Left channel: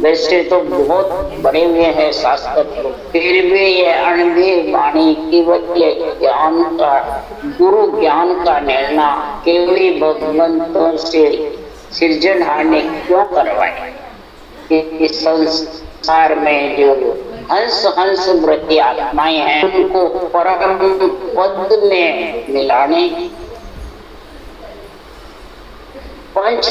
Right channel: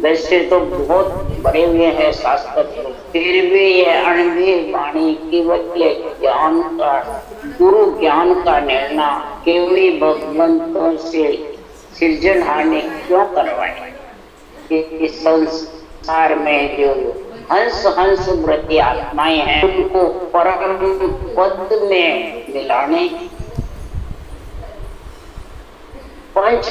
वैसे तो बहुत बड़े हुए हैं शास्त्र, फिर भी ये अणवी वाणी केवल ज्ञान का, गुरु ज्ञान का निर्णय केवल भगवंतों से सृजनहार ने क्यों करवाया? कि संसार में जो हंस हंस वृत्ति आत्माएं हैं उनको परम पद में मिलाने, पंच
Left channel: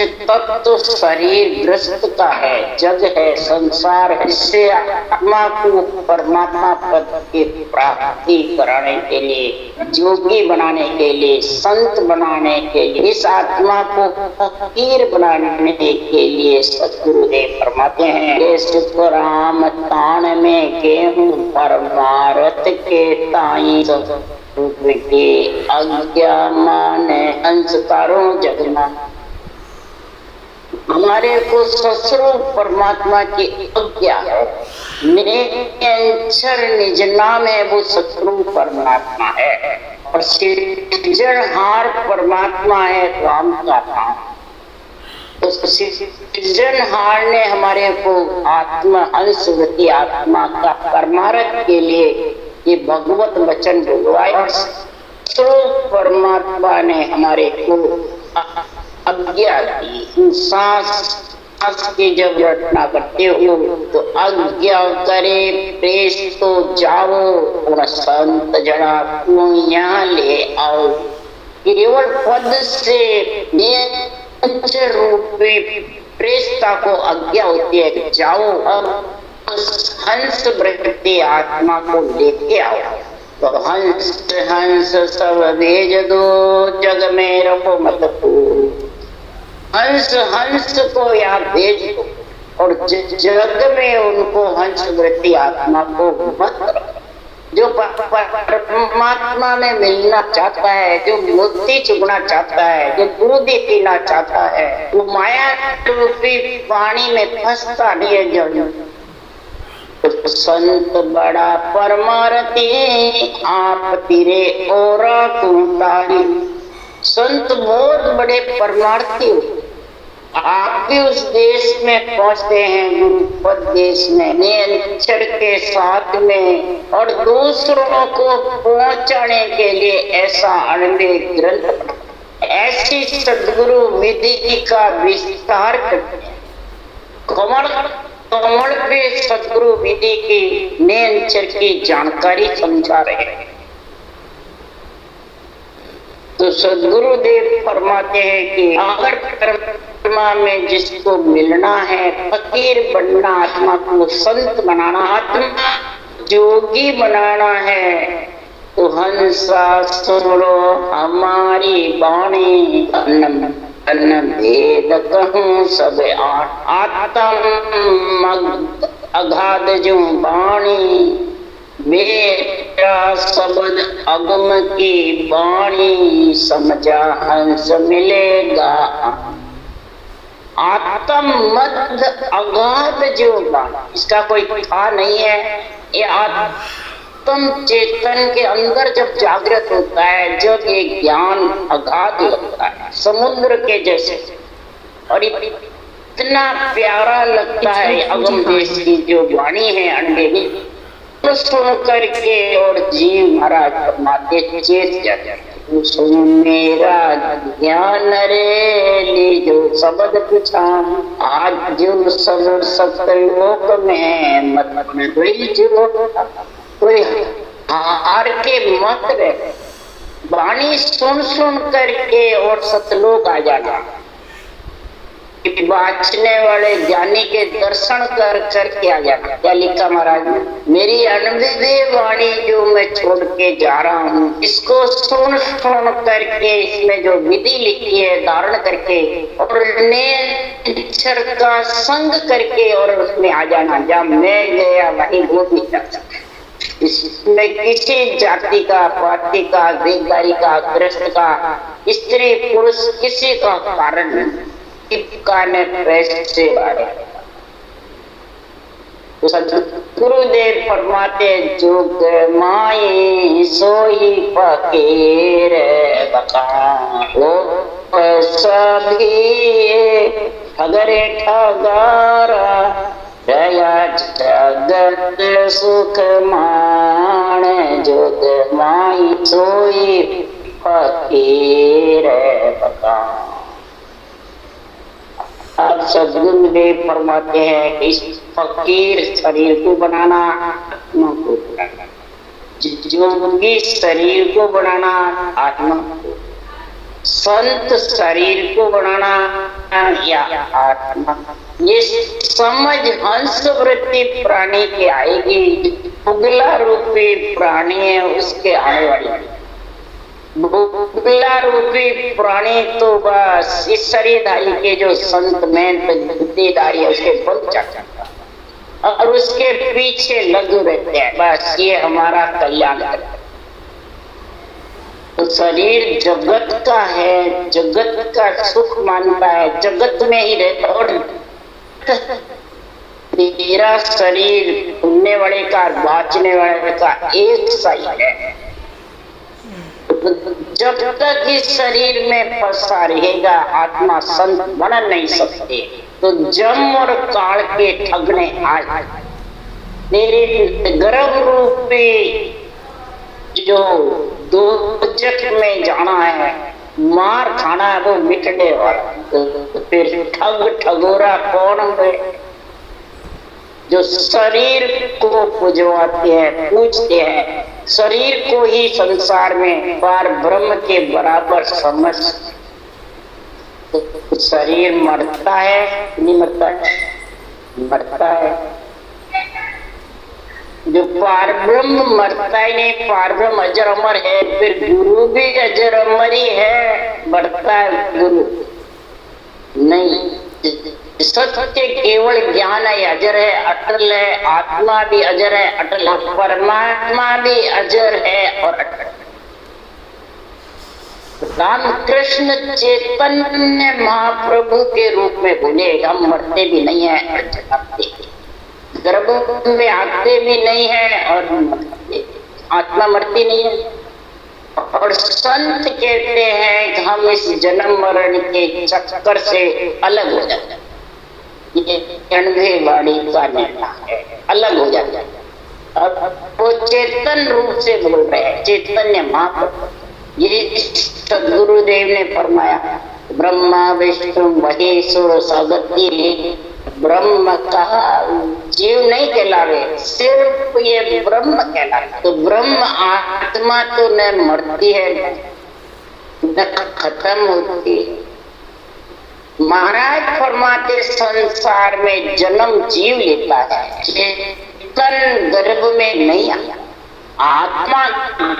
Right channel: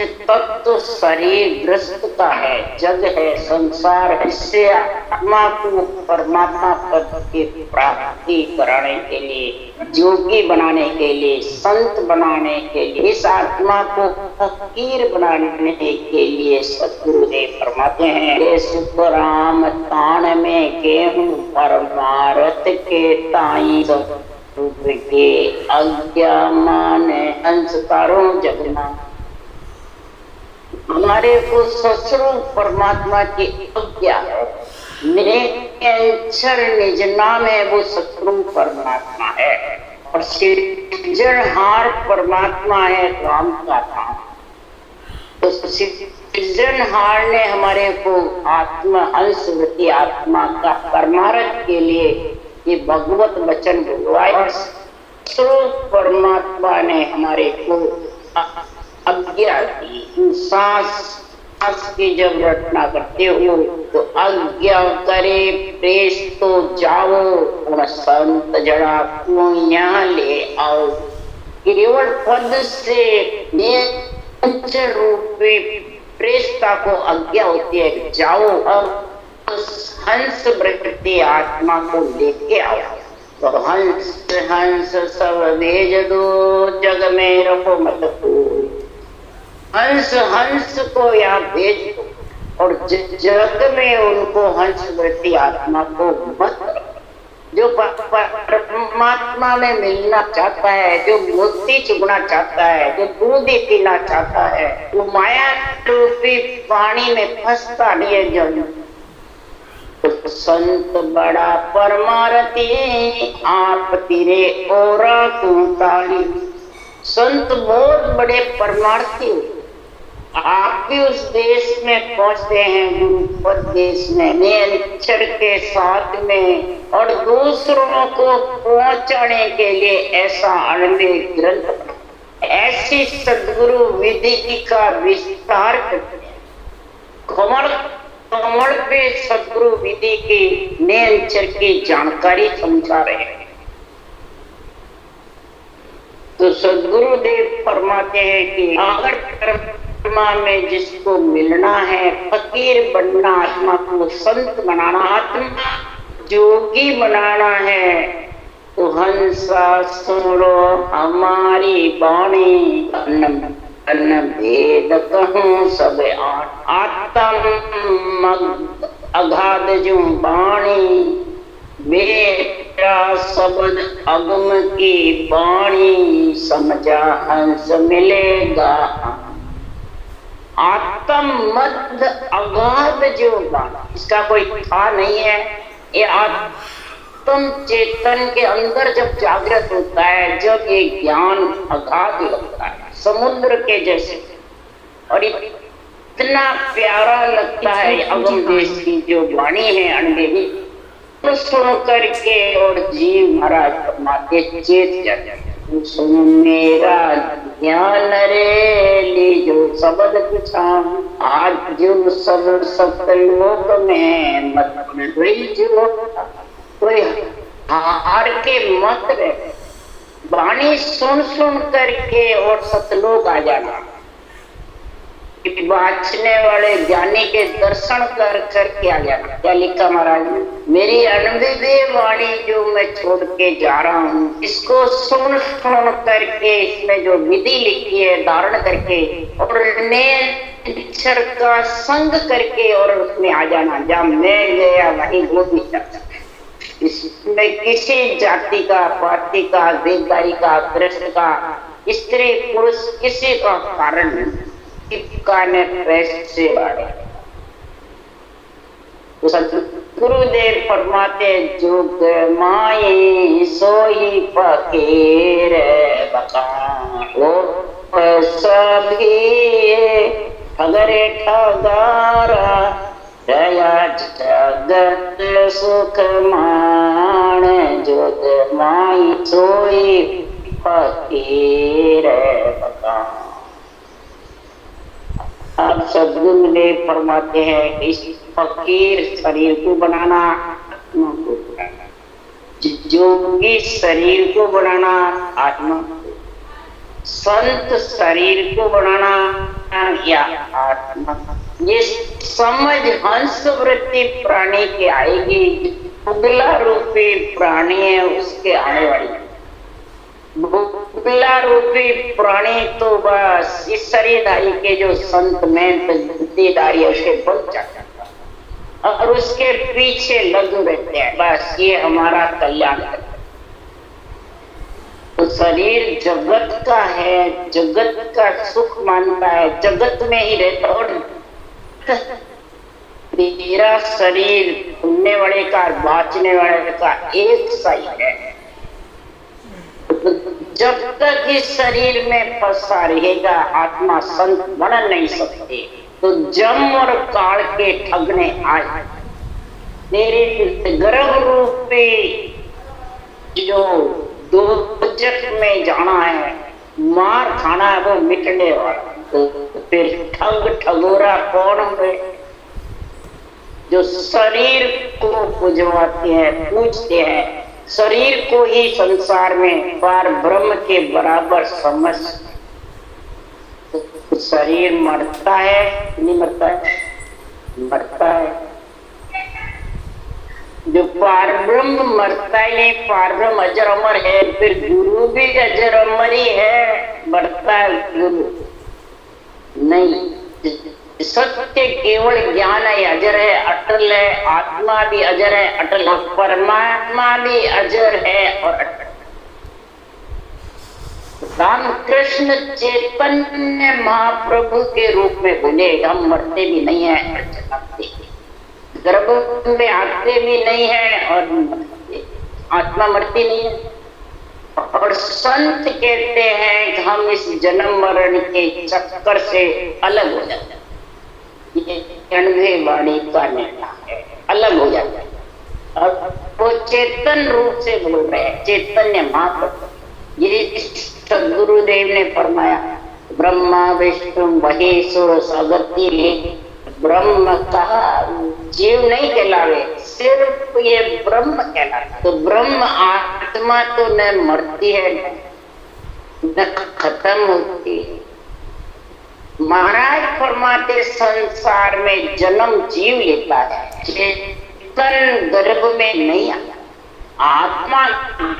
तत्व शरीर ग्रस्त का है, जग है, संसार है, इससे आत्मा को परमात्मा पद की प्राप्ति कराने के लिए, जोगी बनाने के लिए, संत बनाने के लिए, इस आत्मा को फकीर बनाने के लिए सतगुरुदेव फरमाते हैं, सुख राम तान में गेहूं परमारथ के ताई के आज्ञा माने अंशकारों जगना। हमारे को स्वस्वरूप परमात्मा की आज्ञा है, निरंतर निज नाम है, वो स्वस्वरूप परमात्मा है और सृजनहार परमात्मा है राम का नाम। तो सृजनहार ने हमारे को आत्मा अंशवती आत्मा का परमार्थ के लिए ये भगवत वचन बोलवाया। स्वरूप परमात्मा ने हमारे को आज्ञा दी, सांस की जब रचना करते हो तो आज्ञा करे प्रेस तो जाओ और संत जड़ा को यहाँ ले आओ। केवल पद से रूपी प्रेसता को आज्ञा होती है, जाओ और हंस वृत्ति आत्मा को लेके आओ। तो हंस हंस सब भेज दो, जग में रखो मत को, हंस हंस को यहाँ भेज दो और जग में उनको हंस वृत्ति आत्मा को मत रखो। जो परमात्मा में मिलना चाहता है, जो मोती चुगना चाहता है, जो दूध पीना चाहता है, वो माया रूपी पानी में फंसता नहीं है। जब संत बड़ा परमारती आप तिरे और कुंतारी, संत बहुत बड़े परमार्थी हो, आप भी उस देश में पहुंचते हैं, गुरुपद देश में निरंतर के साथ में, और दूसरों को पहुंचाने के लिए ऐसा अनन्य ग्रंथ, ऐसी सदगुरु विधि का विस्तार करते हैं। कमल पे सदगुरु विधि की निरंतर की जानकारी समझा रहे हैं। तो सदगुरुदेव फरमाते हैं कि अगर परमात्मा में जिसको मिलना है, फकीर बनना, आत्मा को संत बनाना, आत्मा जोगी बनाना है, तो हंसा सुनो हमारी वाणी, अन्न भेद कहूँ सब आत्म अगाध जो वाणी, मेरा शब्द अगम की वाणी, समझा हंस मिलेगा। आत्म मध्य अगाध जो वाणी, इसका कोई था नहीं है, ये आत्म चेतन के अंदर जब जागृत होता है, जब ये ज्ञान अगाध लगता है समुद्र के जैसे, और इतना प्यारा लगता है अगम देश की जो वाणी है अंडेगी, तो सुन करके और जीव महाराज परमात्मा चेत जाते हैं। सुन मेरा ज्ञान रे ली जो शब्द पूछा, आज जो सब सतलोक में मत जो कोई हार के मत रहे, वाणी सुन सुन करके और सतलोक आ जाना। वाचने वाले ज्ञानी के दर्शन कर करके आ जाना। क्या लिखा महाराज ने, मेरी अनविदेय वाणी जो मैं छोड़ के जा रहा हूँ, इसको सुन सुन करके, इसमें जो विधि लिखी है धारण करके, और अक्षर का संग करके और उसमें आ जाना। जहाँ मैं गया वहीं वो भी जाता। इसमें किसी जाति का, पार्टी का, देवदारी का, कृष्ण का, स्त्री पुरुष किसी का कारण नहीं, ने पैसे बारे। गुरुदेव फरमाते जोग माई सोई फकीर बता, सभी ठगरे ठगार भगत सुख मान जोत माई सोई फकीर बता। अब सदगुरुदेव फरमाते हैं इस फकीर शरीर को बनाना, आत्मा को बनाना, जोगी शरीर को बनाना, आत्मा को, संत शरीर को बनाना या आत्मा। ये समझ हंस वृत्ति प्राणी की आएगी। बुगला रूपी प्राणी है उसके आने वाली, बुगला रूपी प्राणी तो बस इस शरीरधारी के जो संत में बुद्धिधारी है उसके बल जाता और उसके पीछे लगे रहते हैं, बस ये हमारा कल्याण करता है। तो शरीर जगत का है, जगत का सुख मानता है, जगत में ही रहता। और तेरा शरीर सुनने वाले का बाँचने वाले का एक सही है। जब तक इस शरीर में फंसा रहेगा आत्मा संत बन नहीं सकते। तो जम और काल के ठगने आए तेरे गर्भ रूपी जो दोजख में जाना है, मार खाना है, वो मिटने वाला। तो फिर ठग ठगोरा कौन है? जो शरीर को पुजवाते हैं, पूजते हैं, शरीर को ही संसार में पार ब्रह्म के बराबर समझ। तो शरीर मरता है नहीं मरता है? मरता है। जो पार ब्रह्म मरता ही नहीं, पार ब्रह्म अजर अमर है। फिर गुरु भी अजर अमर ही है, मरता है गुरु नहीं। सत्य केवल ज्ञान है, अजर है, अटल है। आत्मा भी अजर है, अटल है। परमात्मा भी अजर है और अटल। रामकृष्ण चैतन्य महाप्रभु के रूप में बोले हम मरते भी नहीं है, गर्भ में आते भी नहीं है और आत्मा मरती नहीं है। और संत कहते हैं कि हम इस जन्म मरण के चक्कर से अलग हो जाते हैं। ये 90 वाणी का निर्णय है, अलग हो जाता है। और वो चेतन रूप से बोल रहे हैं, चैतन्य महाप्रभु। ये सदगुरुदेव ने फरमाया ब्रह्मा विष्णु महेश्वर सगति। ब्रह्म कहा जीव नहीं कहलावे, सिर्फ ये ब्रह्म कहलावे। तो ब्रह्म आत्मा तो न मरती है न खत्म होती है। महाराज फरमाते संसार में जन्म जीव लेता है, चेतन गर्भ में नहीं आता, आत्मा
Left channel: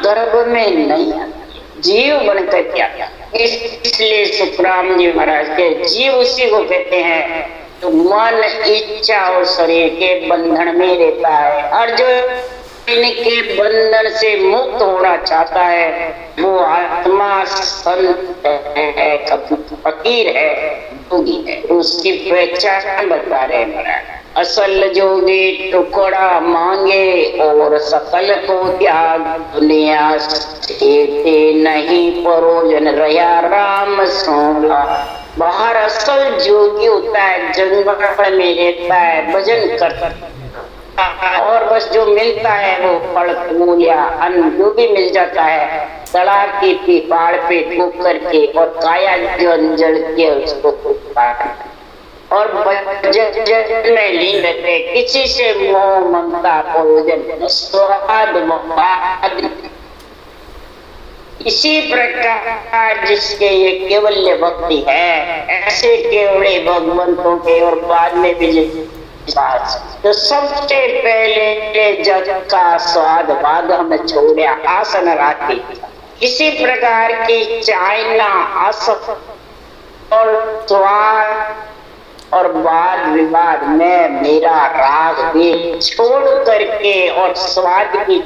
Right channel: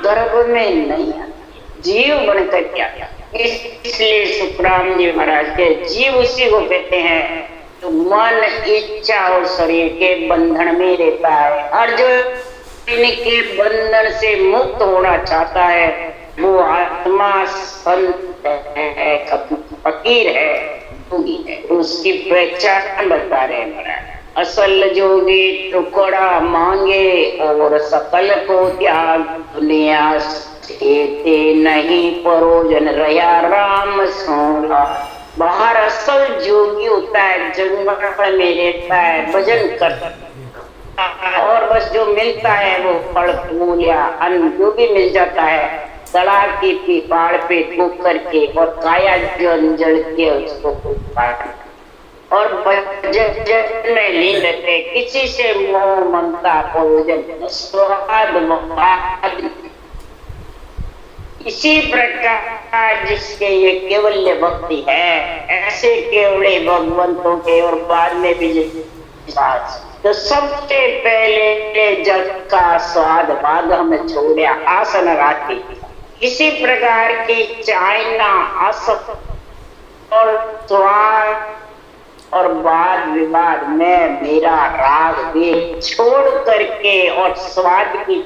गर्भ में नहीं आता, जीव बनकर क्या आता। इसलिए सुखराम जी महाराज के जीव उसी को कहते हैं तो मन इच्छा और शरीर के बंधन में रहता है। और जो इनके बंधन से मुक्त होना चाहता है वो आत्मा संत है, फकीर है, जोगी है। उसकी पहचान बता रहे महाराज। असल जोगी टुकड़ा मांगे और सकल को त्याग, दुनिया से नहीं परोजन रहा राम सोला। बाहर असल जोगी होता है, जंगल में रहता है, भजन करता है और बस जो मिलता है वो फल फूल या अन्न जो भी मिल जाता है तड़ाक की पीपाड़ पे ठोक करके और काया जंजल के उसको और भजन में लीन रहते, किसी से मोह ममता प्रयोजन स्वाद ममता। इसी प्रकार जिसके ये केवल्य भक्ति है, ऐसे केवड़े भगवंतों के और बाद में भी तो सबसे पहले जग का स्वाद बाद हम छोड़ा आसन राखी। इसी प्रकार की चाइना आसक्त और स्वाद और वाद विवाद में मेरा राग भी छोड़ करके और स्वाद की,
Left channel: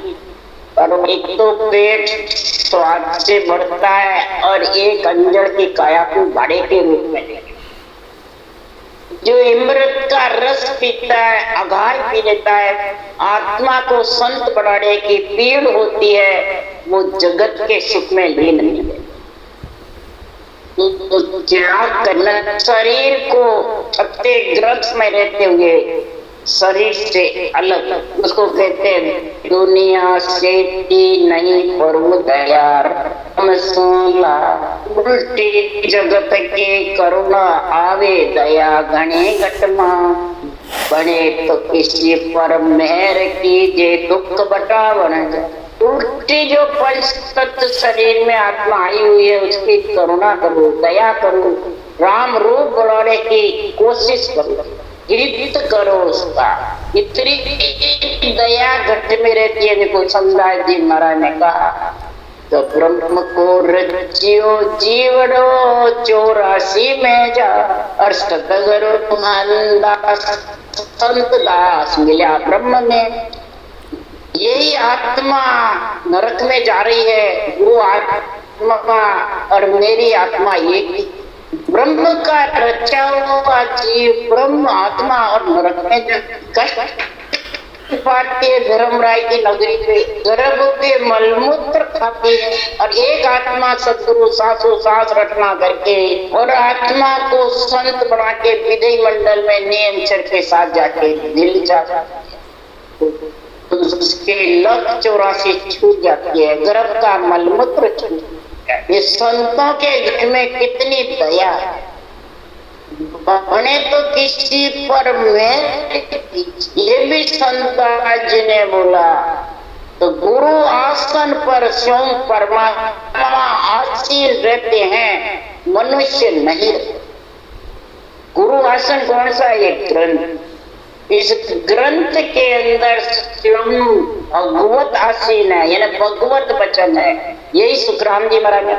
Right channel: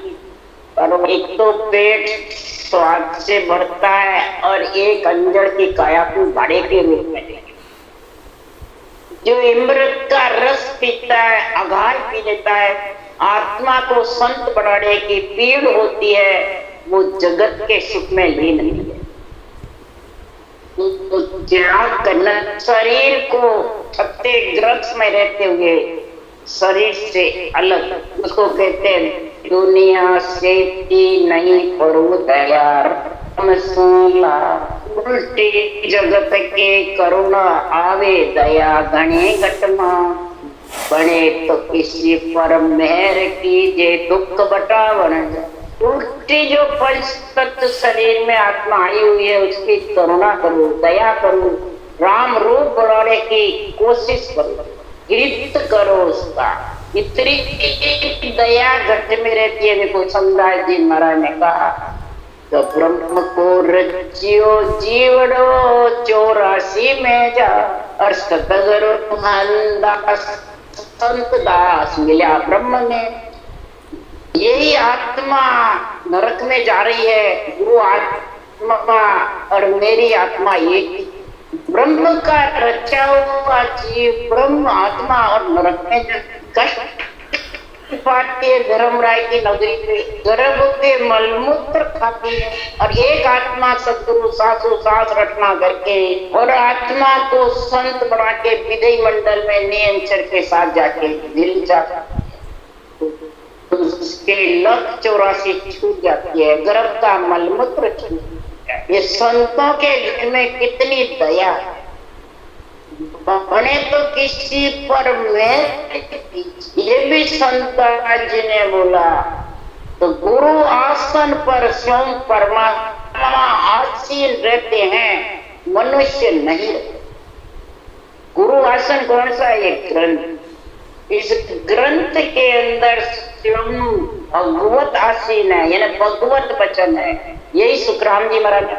और एक तो पेट स्वाद से भरता है और एक अंजड़ की काया को भाड़े के रूप में जो इमृत का रस पीता है, अघाय पी लेता है, आत्मा को संत बनाने की पीड़ होती है, वो जगत के सुख में लीन नहीं है। तो त्याग करना, शरीर को छत्ते ग्रस्त में रहते हुए शरीर से अलग, उसको कहते हैं दुनिया से नहीं करो दया, उल्टी जगत के करुणा आवे दया घने घटना, बने तो किसी पर मेहर कीजे दुख बटावन। उल्टी जो पंच तत्व शरीर में आत्मा आई हुई है उसकी करुणा करो, दया करो, राम रूप बनाने की कोशिश करो, हित करो उसका। इतनी दया घट में रहती है। देखो समझाए जी महाराज ने कहा तो ब्रह्म को रचियो जीवड़ो 84 में जा, अष्ट संत दास मिला ब्रह्म में। यही आत्मा नरक में जा रही है, वो आत्मा और मेरी आत्मा एक, ब्रह्म का रचा हुआ जीव ब्रह्म आत्मा और नरक में कष्ट पाती है। धर्मराय की नगरी पे गर्भ के मलमूत्र खाती है और एक आत्मा सदगुरु सासु सास रटना करके और आत्मा को संत बना के विधि मंडल में नियम के साथ जाके दिल जाता है तो उसके लक 84 छूट जाती है, गर्भ का मलमूत्र छूट जाता है। ये संतों के घर में कितनी दया है। बने तो किसी पर में, ये भी संताज ने बोला तो गुरु आसन पर स्वयं परमात्मा आसीन रहते हैं, मनुष्य नहीं। गुरु आसन कौन सा? ये ग्रंथ, इस ग्रंथ के अंदर स्वयं भगवत आसीन है, यानी भगवत वचन है। यही सुखराम जी महाराज ने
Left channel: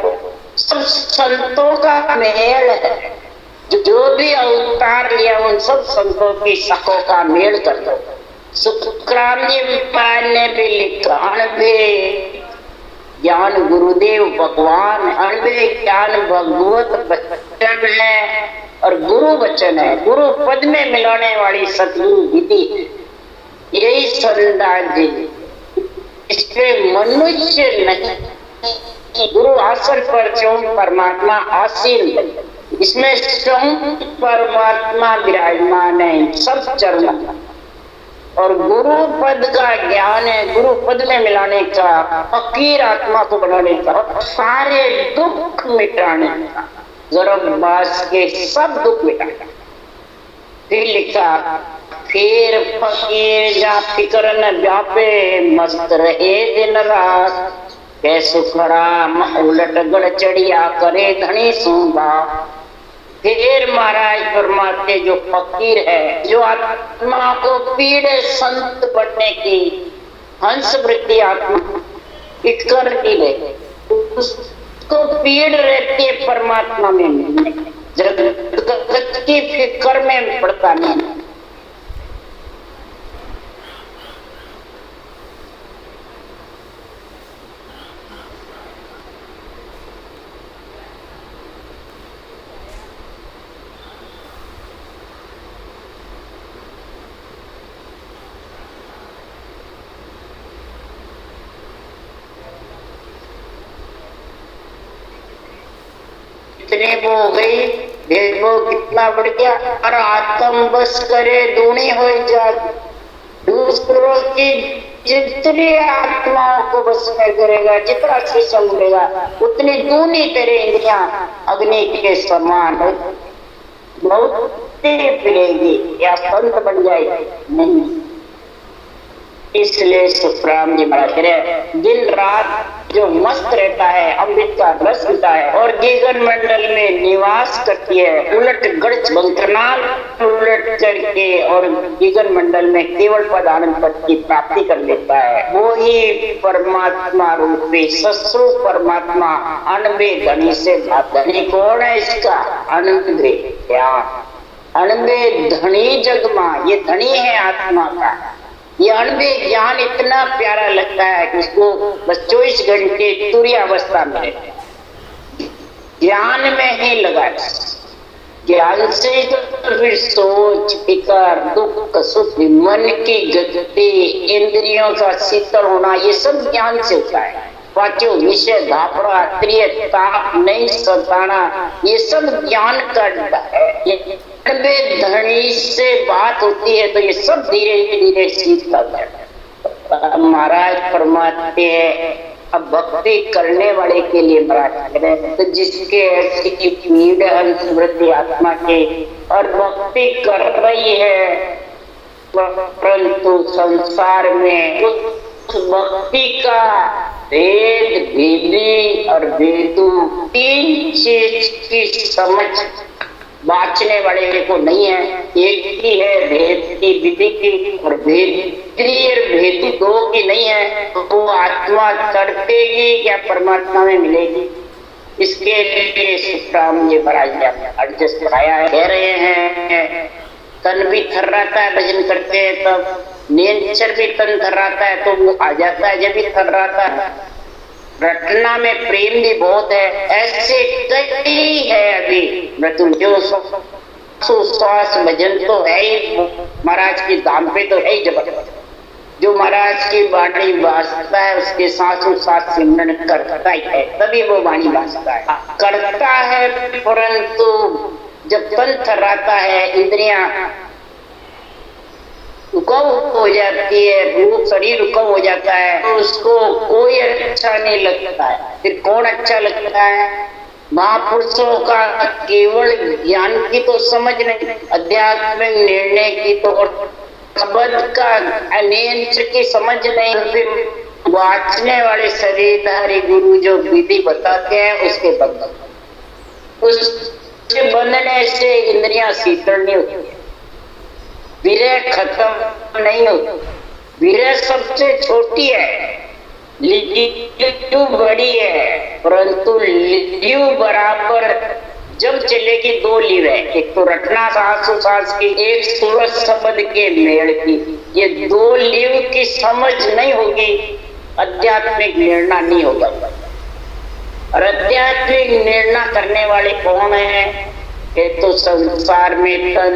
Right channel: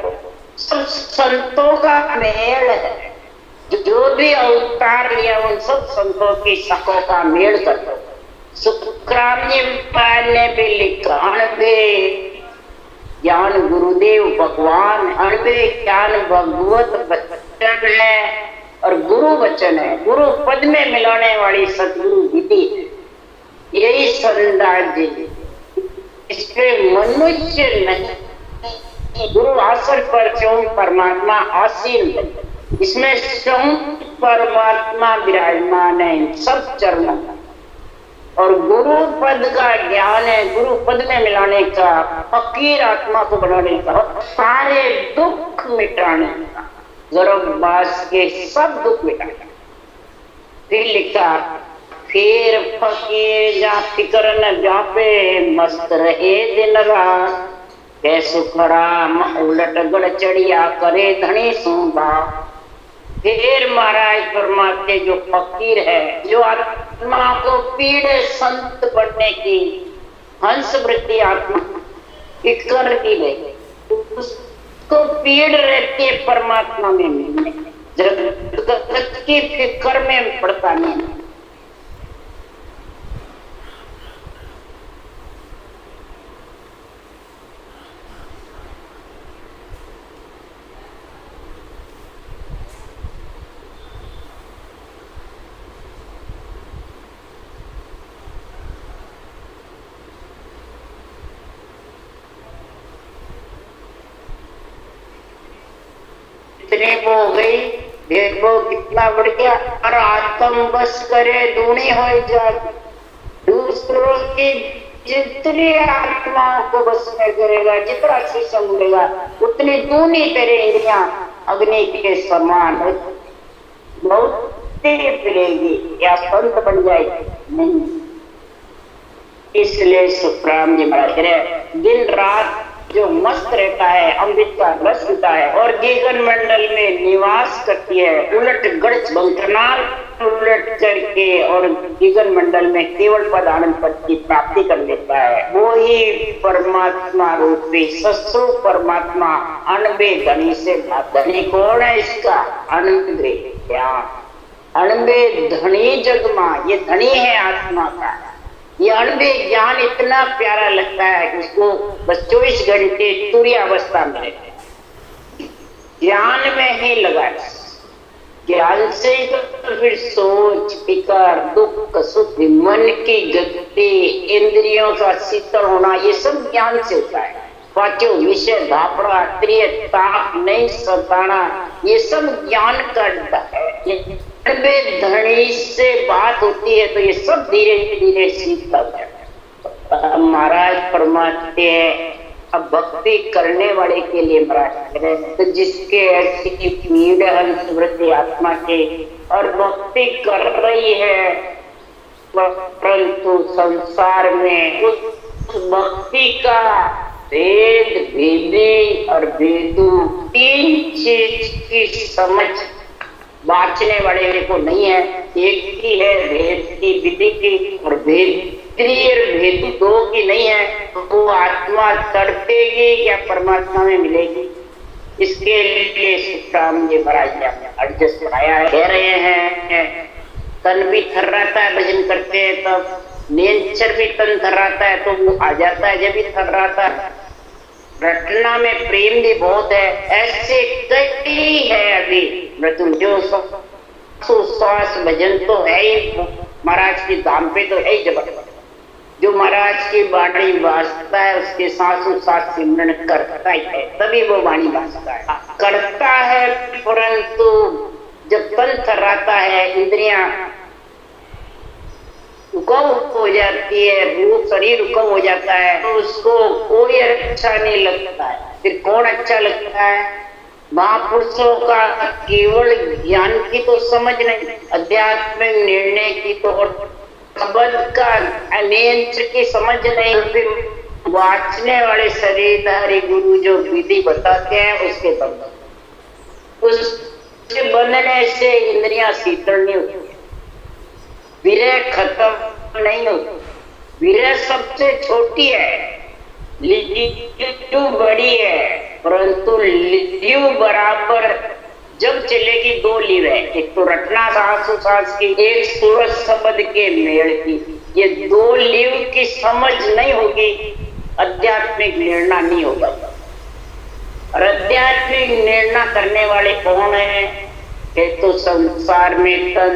सब संतों का मेल है। जो भी अवतार लिया उन सब संतों की शकों का मेल कर दो। सुखराम जी ने भी लिखा 98 ज्ञान गुरुदेव भगवान, 98 ज्ञान भगवत वचन है और गुरु वचन है। गुरु पद में मिलाने वाली सतगुरु विधि, यही संदास जी। इसमें मनुष्य नहीं, गुरु आसन पर स्वयं परमात्मा आसीन, इसमें स्वयं परमात्मा विराजमान है सब चरणों का। और गुरु पद का ज्ञान है, गुरु पद में मिलाने का, फकीर आत्मा को बनाने का, सारे दुख मिटाने का, गर्भवास के सब दुख मिटाने। फिर लिखा फिर फकीर जा फिक्र न व्यापे, मस्त रहे दिन रात, कैसु खड़ा उलट गड़ चढ़िया करे धनी सूंबा। फिर महाराज फरमाते जो फकीर है, जो आत्मा को पीड़े संत बनने की हंस वृत्ति आत्मा फिक्र की रहे, उसको पीड़ रहती है परमात्मा में मिलने, जगत की फिक्र में पड़ता नहीं। इतने वो हो गई, देखो कितना बढ़ गया। और आत्म बस करे दूनी हो जा, दूसरों की जितनी आत्माओं को बस में करेगा, जितना शीशम मिलेगा उतनी दूनी तेरे इंद्रियां अग्नि के समान हो, बहुत तेज पिलेगी या संत बन जाएगी नहीं। इसलिए सुखराम जी महाराज दिन रात जो मस्त रहता है, अमृत का रस पीता है और गीगन मंडल में निवास करती है, उलट गढ़ बंकरनाल उलट करके और गीगन मंडल में केवल पद आनंद पद की प्राप्ति कर लेता है। वो ही परमात्मा रूपी ससुर परमात्मा अनबे धनी से धनी कौन है? इसका अनबे ज्ञान, अनबे धनी जगमा, ये धनी है आत्मा का। ये अनबे ज्ञान इतना प्यारा लगता है कि उसको बस 24 घंटे तुरी अवस्था में रहते हैं, ज्ञान में ही लगा। ज्ञान से तो फिर सोच विकार दुख सुख मन की गति इंद्रियों का शीतल होना ये सब ज्ञान से होता है। वाक्यो विषय धापड़ा त्रिय ताप नहीं सताना ये सब ज्ञान करता है। ये धनी से बात होती है तो ये सब धीरे धीरे सीखता जाता है। महाराज फरमाते हैं अब भक्ति करने वाले के लिए महाराज कह रहे हैं तो जिसके ऐसी पीड़ है आत्मा के और भक्ति कर रही है परंतु संसार में उस भक्ति का वेद विधि और वेदु तीन चीज की समझ बांचने वाले को नहीं है। एक ही है भेद की विधि की और भेद दो की नहीं है। तो आत्मा तड़पेगी या परमात्मा में मिलेगी, इसके लिए सुखराम जी महाराज एडजस्ट कराया है। कह रहे हैं तन भी थर्राता है भजन करते हैं तब नेचर भी तन थर्राता है तो वो आ जाता है जब भी थर्राता है। रटना में प्रेम भी बहुत है, ऐसे कई है अभी मृत्यु जो श्वास भजन तो है ही महाराज की दाम पे तो है ही जबरदस्त। जो महाराज की वाणी वास्ता है उसके साथ सिमरन करता ही है तभी वो वाणी वास्ता है करता है। परंतु जब तन थर्राता है इंद्रियां रुकाव हो जाती है रूप शरीर रुकाव हो जाता है तो उसको कोई अच्छा नहीं लगता है। फिर कौन अच्छा लगता है? महापुरुषों का केवल ज्ञान की तो समझ नहीं, आध्यात्मिक निर्णय की तो और शब्द का अनेंद्र की समझ नहीं। फिर वाचने वाले शरीरधारी गुरु जो विधि बताते हैं उसके बंधन उसके बंधने से इंद्रियां शीतल नहीं होती है, विरह खत्म नहीं होती। विरह सबसे छोटी है, लियू बड़ी है, परंतु लियू बराबर जब चलेगी दो लीव है, एक तो रटना सास की, एक सूरज शब्द के मेल की। ये दो लीव की समझ नहीं होगी आध्यात्मिक निर्णय नहीं होगा। और आध्यात्मिक निर्णय करने वाले कौन है? तो संसार में तन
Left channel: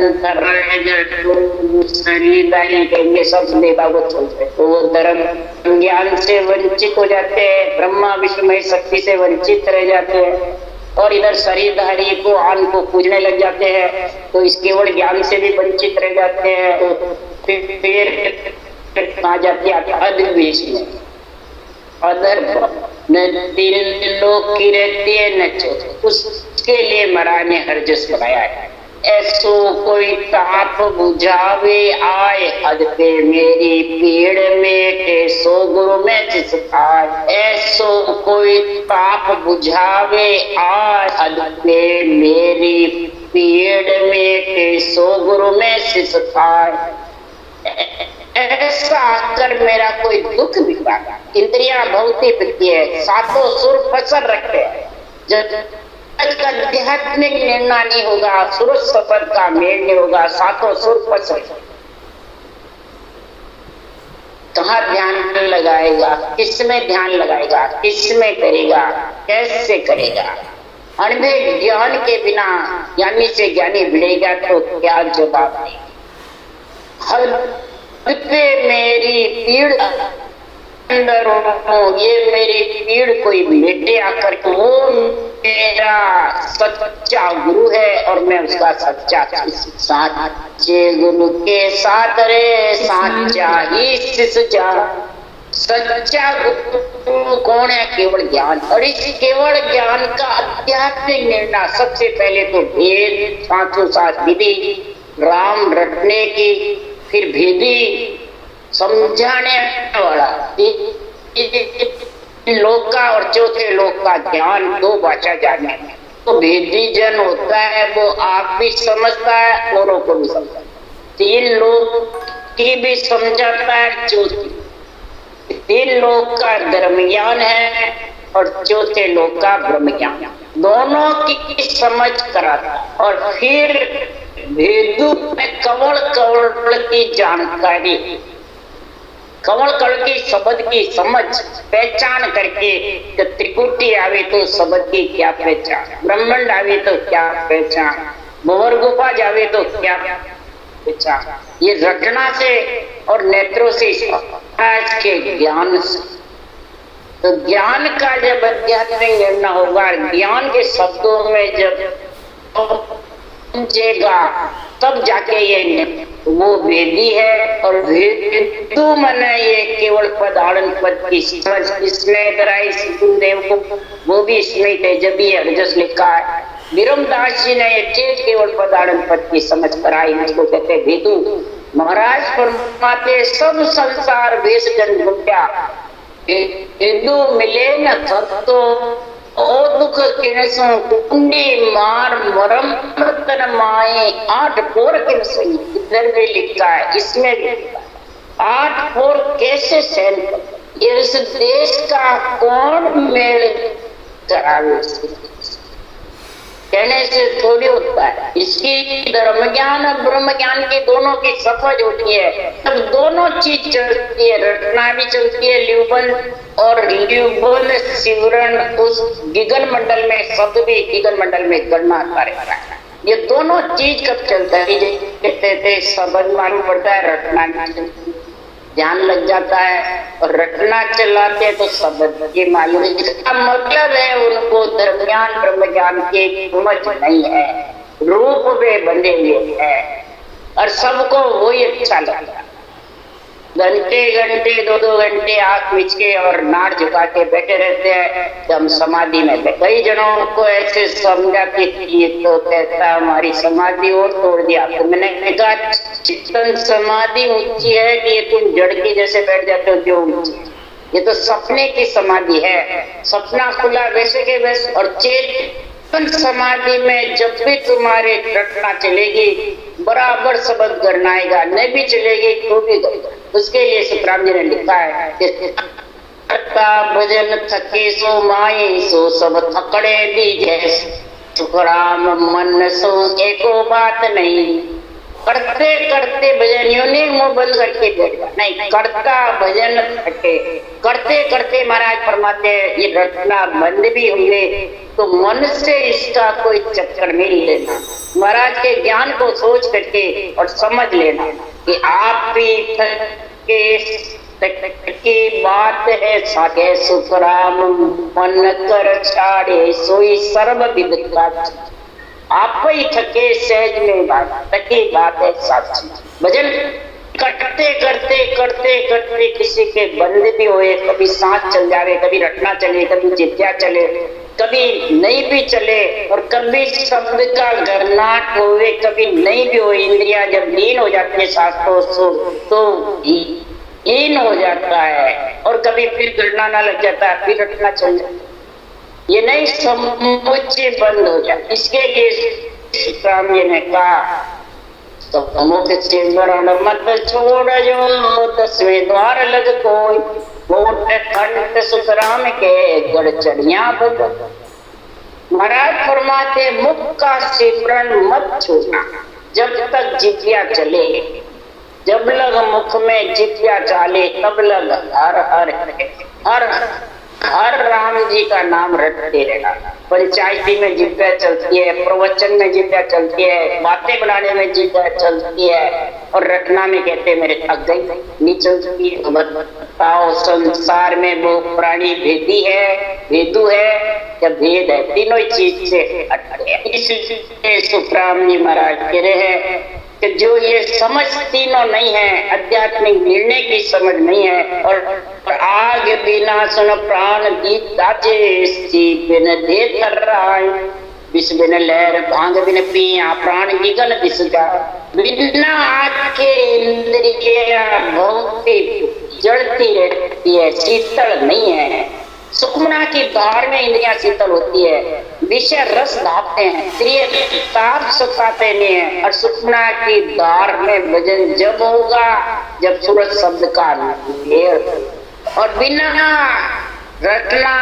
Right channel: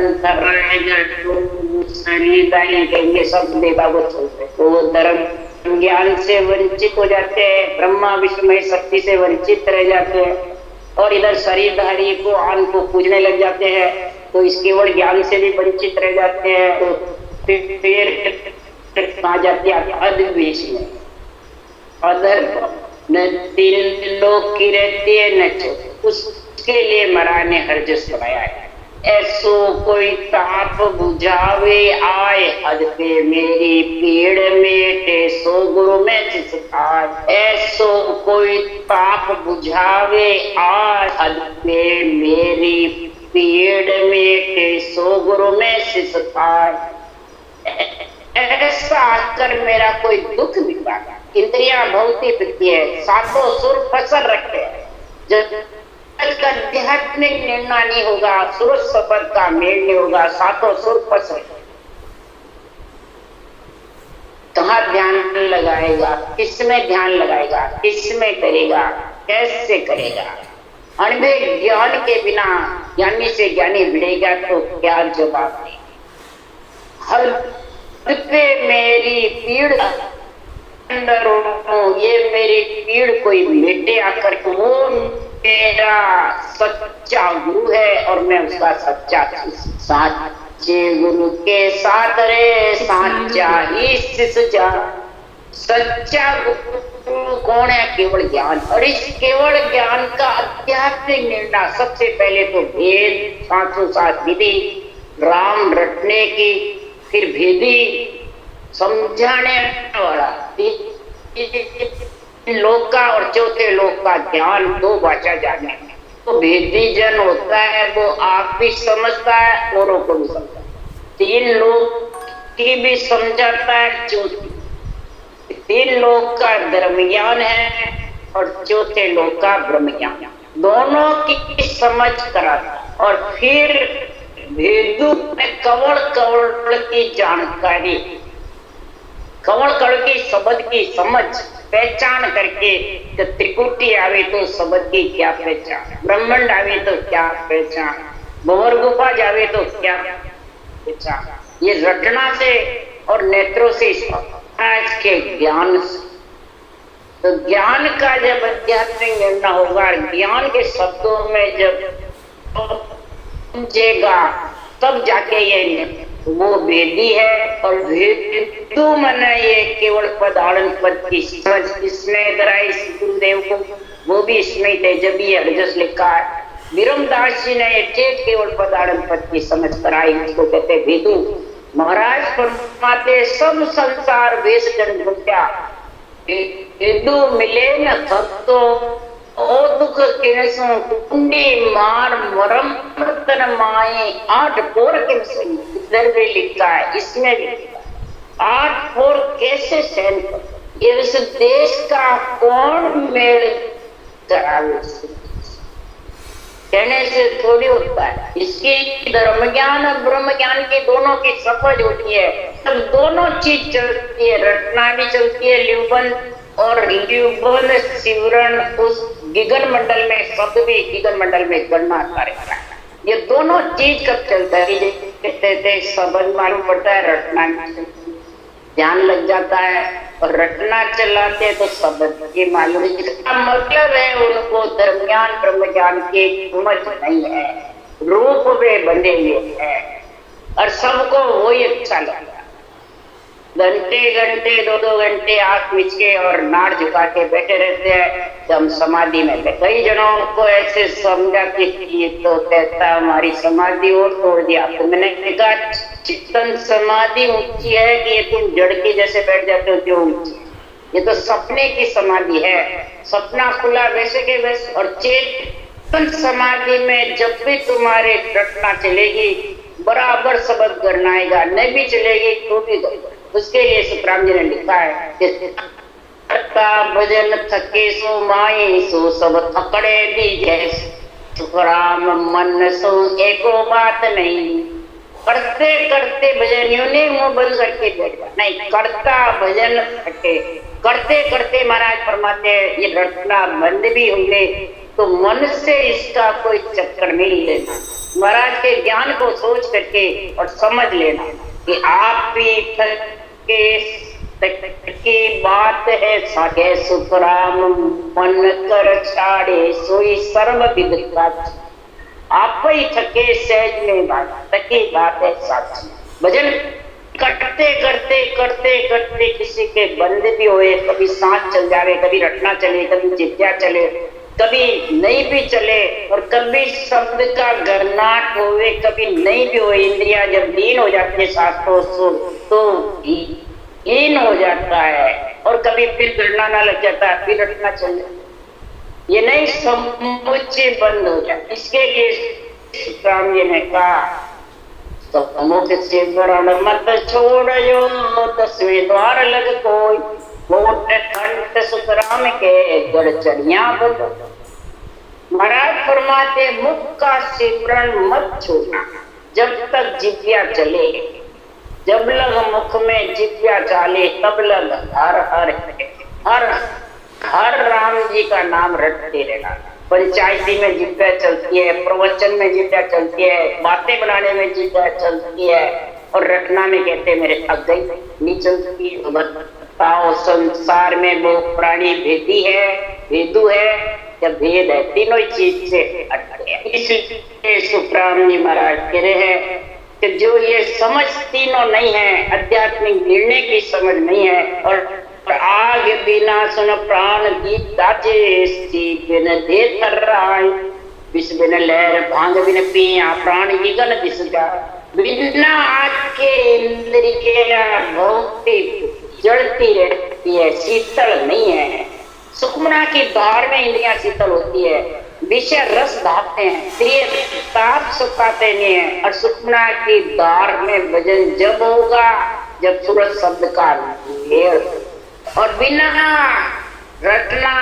शरीर कहेंगे सब देगा वो चलते तो वो धर्म ज्ञान से वंचित हो जाते हैं, ब्रह्मा विष्णु शक्ति से वंचित रह जाते हैं और इधर शरीरधारी को आन को पूजने लग जाते हैं तो इस केवल ज्ञान से भी वंचित रह जाते हैं। तो फिर कहा जाती है अधर बीच में अधर न तीन लोग की रहती है न चौथे। उसके लिए महाराज ने हरजस बनाया है। ऐसो कोई ताप बुझावे आए हद पे मेरी पीड़ में सो गुरु में जिसखार। ऐसो कोई ताप बुझावे आए हद पे मेरी पीड़ में सो गुरु में सिसकार। ऐसा आकर मेरा कोई दुख बिगाड़ा। इंद्रियां बहुत ही वृत्ति है, सातों सुर फसल रखते हैं। जब आध्यात्मिक निर्णय नहीं होगा, सूरज सफर का मेल नहीं होगा, सातों सुर फसल कहाँ ध्यान लगाएगा, किसमें ध्यान लगाएगा, किसमें करेगा, कैसे करेगा? अनुभव ज्ञान के बिना ज्ञानी से ज्ञानी भिड़ेगा तो क्या जवाब देगी। हर पे मेरी पीड़ अंदर हो, ये मेरी पीड़ कोई मिटे आकर वो मेरा सच्चा गुरु है और मैं उसका सच्चा साचे गुरु के साथ रे साचा ही शिष्य। सच्चा गुरु कौन है? केवल ज्ञान। और इस केवल ज्ञान का आध्यात्मिक निर्णय सबसे पहले तो भेद पांचों सात विधि राम रटने की, फिर भेदी समझाने वाला लोक का और चौथे लोक का ज्ञान, दो भाषा जानने में। तो भेदी जन होता है वो आप भी समझता है औरों को भी समझता है, तीन लोक की भी समझाता है, चौथी तीन लोक का धर्म ज्ञान है और चौथे लोक का ब्रह्म ज्ञान, दोनों की समझ कराता। और फिर भेदू में कवल कवल की जानकारी, कवल कवल की शब्द की समझ पहचान करके, जब त्रिकुटी आवे तो शब्द की क्या पहचान, ब्रह्मांड आवे तो क्या पहचान, भंवर गुफा जावे तो क्या पहचान। ये रटना से और नेत्रों से आज के ज्ञान से, तो ज्ञान का जब आध्यात्मिक निर्णय होगा, ज्ञान के शब्दों में जब समझेगा तब जाके ये वो वेदी है। और वेदु मन ये केवल पद आनंद पद की समझ इसमें दराई देव को वो भी इसमें तेजबी अर्जस लिखा है। विरमदास जी ने ये चेत केवल पद आनंद पद की समझ कराई, इसको कहते वेदु। महाराज फरमाते सब संसार वेश जन घुट्या, वेदु मिले न थतो ओ दुख किनसो कुंडी मार मरम तन माए आठ पोर किनसो। इधर भी लिखा है, इसमें भी लिखा है। आठ पोर कैसे सहन कर, ये इस देश का कौन मेल करावे, कहने से थोड़ी होता है। इसकी धर्म ज्ञान और ब्रह्म ज्ञान की दोनों की सफज होती है, तब दोनों चीज चलती है। रटना भी चलती है ल्यूबन, और ल्यूबन सिवरण उस गिगन मंडल में, शब्द भी गिगन मंडल में गणना करेगा। ये दोनों चीज कब चलता है, कहते थे समझ मालूम पड़ता है, रटना ध्यान लग जाता है, और रटना चलाते तो शब्द की मालूम। इसका मतलब है उनको धर्म ज्ञान ब्रह्म ज्ञान की समझ नहीं है, रूप में बंधे हुए हैं, और सबको वही अच्छा लगता है। घंटे घंटे 2-2 घंटे आंख मिच के और नाड़ झुका के बैठे रहते हैं, तो हम समाधि में बैठे। कई जनों को ऐसे समझा कि ये तो कहता हमारी समाधि और तोड़ दिया। तो मैंने कहा चित्तन समाधि ऊंची है कि ये तुम जड़ के जैसे बैठ जाते हो क्यों ऊंची? ये तो सपने की समाधि है, सपना खुला वैसे के वैसे। और चेतन समाधि में जब भी तुम्हारे रटना चलेगी बराबर शब्द गणनाएगा, नहीं भी चलेगी तो भी गणना। उसके लिए सुखराम जी ने लिखा है का भजन थके सो माए सो सब थकड़े दीजे, सुखराम मन सो एको बात नहीं। करते करते भजन यूं नहीं मुंह बंद करके बैठ जा, नहीं, करता भजन थके। करते करते महाराज फरमाते हैं ये रटना बंद भी होंगे तो मन से इसका कोई चक्कर नहीं लेना। महाराज के ज्ञान को सोच करके और समझ लेना कि आप भी की बात है सागे सुखराम मन कर छाड़े सोई सर्व विद का। आप ही थके सहज में बात तकी बात है साची। भजन करते करते करते करते किसी के बंद भी हुए, कभी सांस चल जावे, कभी रटना चले, कभी चित्या चले, कभी नहीं भी चले, और कभी शब्द का गरनाट हुए, कभी नहीं भी हुए। इंद्रिया जब लीन हो जाती है शास्त्रों तो लीन हो जाता है, और कभी फिर गणना ना लग जाता है, फिर रटना चल जाता है। ये नहीं समुच्चय बंद हो जाए। इसके लिए राम जी ने कहा तो मुख से मत छोड़ जो 10वें द्वार लग कोई, होठ कंठ सुखराम के गड़चड़िया बदल। महाराज फरमाते मुख का सिमरन मत छोड़ना जब तक जिज्ञा चले। जब लग मुख में जिज्ञा चाले तब लग हर हर हर हर राम जी का नाम रटते रहना। पंचायती में जिज्ञा चलती है, प्रवचन में जिज्ञा चलती है, बातें बनाने में जिज्ञा चलती है, और रटना में कहते मेरे थक गई नहीं चलती है। बताओ संसार में वो प्राणी भेदी है, भेदू है या भेद है? तीनों चीज से हटके। इसलिए सुखराम जी महाराज कह रहे हैं कि जो ये समझ तीनों नहीं है, आध्यात्मिक निर्णय की समझ नहीं है, और आग बिना सुन प्राण दीप दाचे बिन दे थर रहा है, विष बिन लहर भांग बिन पिया प्राण गगन दिस जा। बिना आग के इंद्रियां भौंकती जलती रहती है, शीतल नहीं है। सुखमना की धार में इंद्रियां शीतल होती है, विषय रस धापते हैं, प्रिय ताप सुखाते नहीं है। और सुखमना की धार में भजन जब होगा जब सूरज शब्द का और बिना रटना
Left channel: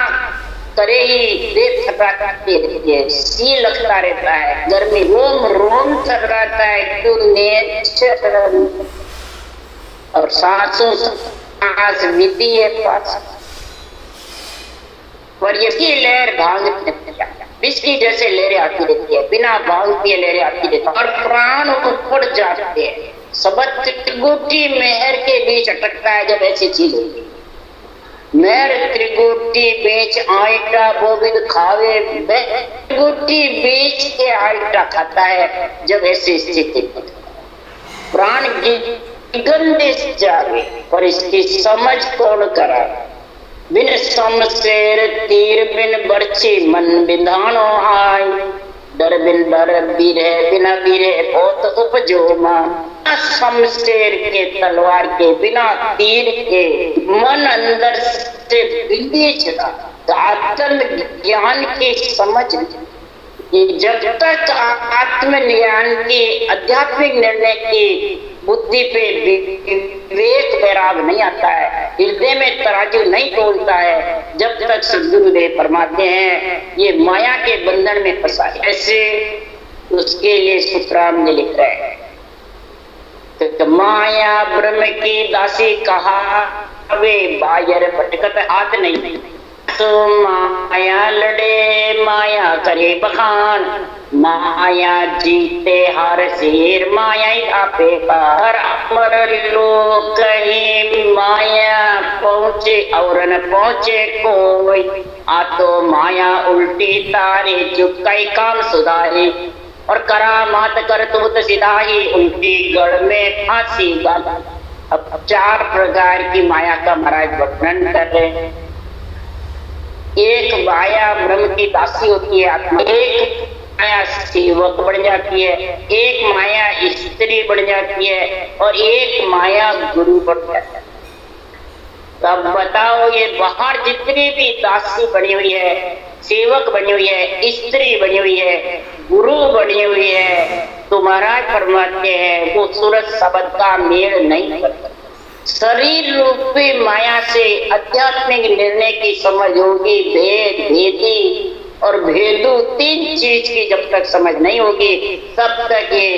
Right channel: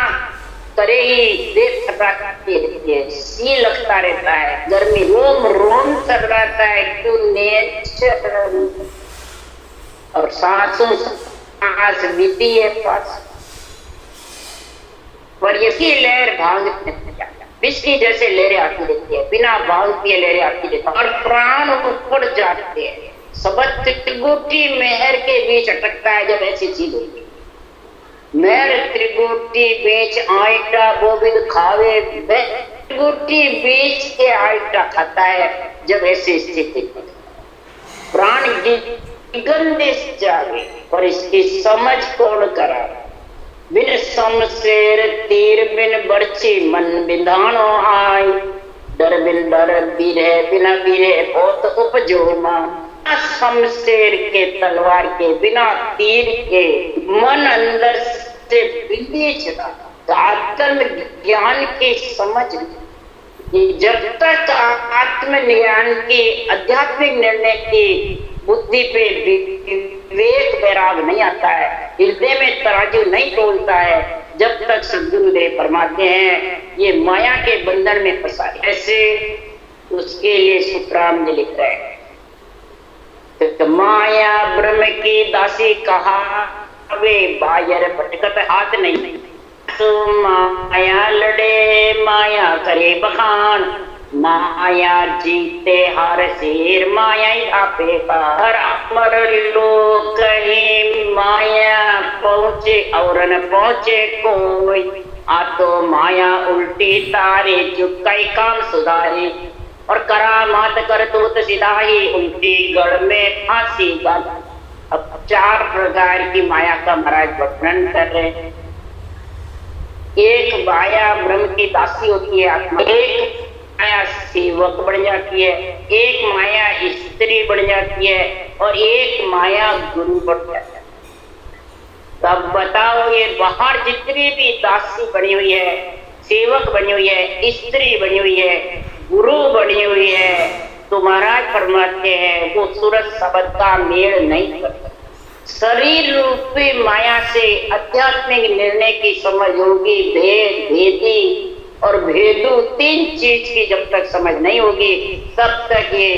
करे ही देह थकाती रहती है, सी लगता रहता है, गर्मी रोम रोम थकाता है, क्यों नेचर और सांसों सांस बीती है पास। और ये लहर भांग बिस्की जैसे लहरें आती रहती है, बिना भांग की लहरें आती रहती है, और प्राण ऊपर जाते हैं। सबक गुटी मेहर के बीच अटकता है जब ऐसी चीज होती है। मेर त्रिगुटी बेच आइटा गोविंद खावे, त्रिगुटी बेच के आइटा खाता है। जब ऐसी स्थिति प्राण की गंदे जागे और इसकी समझ कौन करा। बिन समशेर तीर बिन बरछी मन बिंधानो आय, डर बिन डर बीरे बिना बीरे बहुत उपजो मान। शमशेर के तलवार के बिना तीर के मन अंदर से विवेचना आत्म ज्ञान की समझ कि जब तक आत्मज्ञान की आध्यात्मिक निर्णय की बुद्धि पे विवेक वैराग नहीं आता है, हृदय में तराजू नहीं तोलता है, जब तक सद्गुरुदेव फरमाते हैं ये माया के बंधन में फंसा है। ऐसे उसके लिए सुखराम जी लिख रहे हैं, तो माया ब्रह्म की दासी कहा वे बायर भटकत हाथ नहीं। तो माया लड़े माया करे बखान, माया जीते हर शेर माया आपे हर अमर लोग कहीं माया पहुँचे और न पहुँचे कोई। आ तो माया उल्टी तारे चुकाई काम सुधारे और करामात कर तूत सिधाई, उल्टी गढ़ में फांसी डाला। अब 4 प्रकार की माया का महाराज वर्णन कर रहे हैं। एक माया ब्रह्म की दासी होती है आत्मा, एक माया सेवक बन जाती है, एक माया स्त्री बन जाती है और एक माया गुरु बन जाता है। तब बताओ ये बाहर जितनी भी दासी बनी हुई है, सेवक बनी हुई है, स्त्री बनी हुई है, गुरु बनी हुई है, तो महाराज फरमाते हैं वो सूरज शब्द का मेल नहीं करता। शरीर रूपी माया से आध्यात्मिक निर्णय की समझ होगी, भेद भेदी और भेदू 3 चीज की जब तक समझ नहीं होगी तब तक ये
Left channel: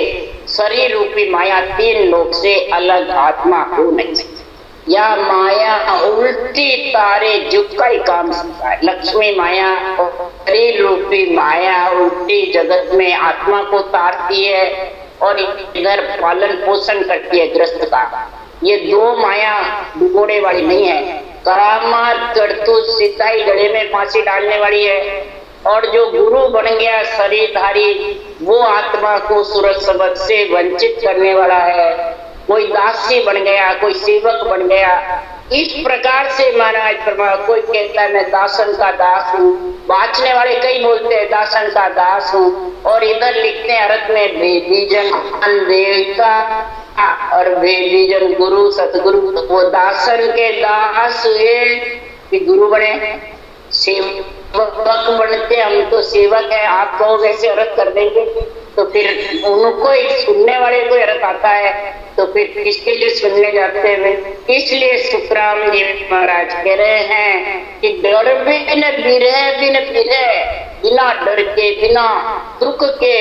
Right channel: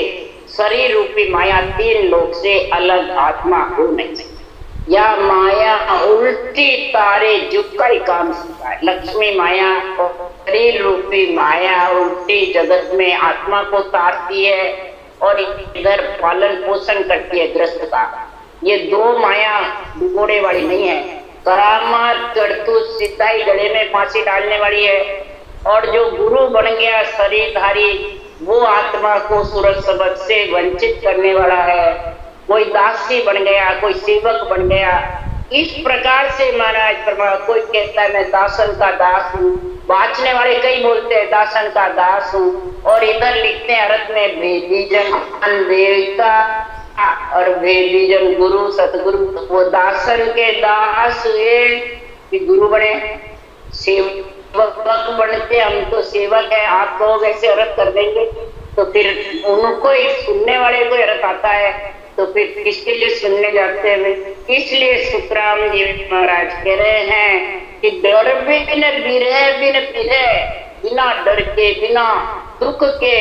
शरीर रूपी माया 3 लोक से अलग आत्मा हो नहीं सकती। या माया उल्टी तारे झुका ही काम सकता है। लक्ष्मी माया और शरीर रूपी माया उल्टी जगत में आत्मा को तारती है और इधर पालन पोषण करती है ग्रस्त का। ये 2 माया डुबोने वाली नहीं है। करामात करतूत सिद्धाई गले में फांसी डालने वाली है और जो गुरु बन गया शरीरधारी वो आत्मा को सूरज शब्द से वंचित करने वाला है। कोई दासी बन गया, कोई सेवक बन गया। इस प्रकार से महाराज फरमा, कोई कहता है मैं दासन का दास हूँ, बाँचने वाले कई बोलते हैं दासन का दास हूँ, और इधर लिखते हैं अर्थ में भेदीजन देवता और भेदीजन गुरु सतगुरु। वो दासन के दास हुए कि गुरु बने, सेवक बनते, हम तो सेवक है, आप कहो वैसे अर्थ कर देंगे तो फिर उनको एक सुनने वाले को अर्थ आता है तो फिर किसके लिए सुनने जाते हैं। इसलिए सुखराम जी महाराज कह रहे हैं कि डर बिन बिरह बिन फिरे, बिना डर के बिना दुख के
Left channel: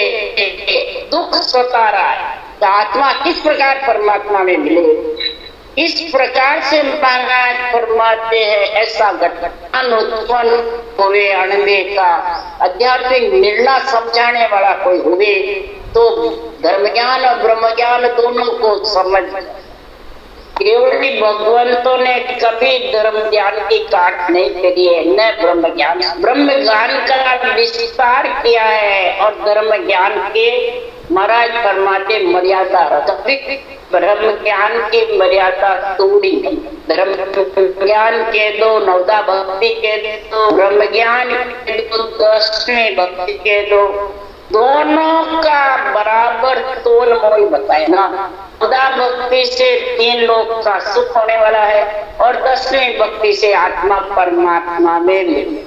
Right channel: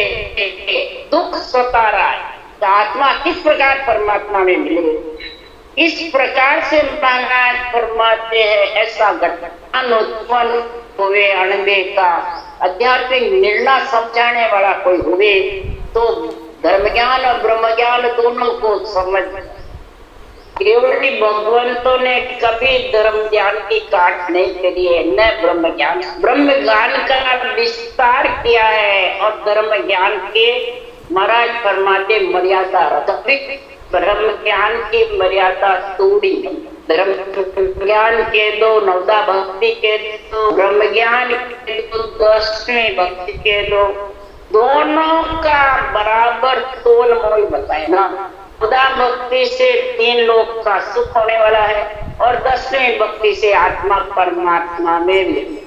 दुख स्वता रहा। आत्मा किस प्रकार परमात्मा में मिले, इस प्रकार से महाराज फरमाते हैं ऐसा घटना उत्पन्न हुए अणबे का आध्यात्मिक निर्णय समझाने वाला कोई हुए तो धर्म ज्ञान और ब्रह्म ज्ञान दोनों को समझ। केवल भगवंतों ने कभी धर्म ज्ञान की काट नहीं करी है, न ब्रह्म ज्ञान का विस्तार किया है और धर्म ज्ञान के महाराज फरमाते मर्यादा रखते। ब्रह्म ज्ञान की मर्यादा तोड़ी नहीं। धर्म ज्ञान के 2, नवदा भक्ति के 2, ब्रह्म ज्ञान के 2, 10वें भक्ति के 2, दोनों का बराबर तोल मोल बताए ना। नवदा भक्ति से 3 लोक का सुख होने वाला है और 10वें भक्ति से आत्मा परमात्मा में मिले।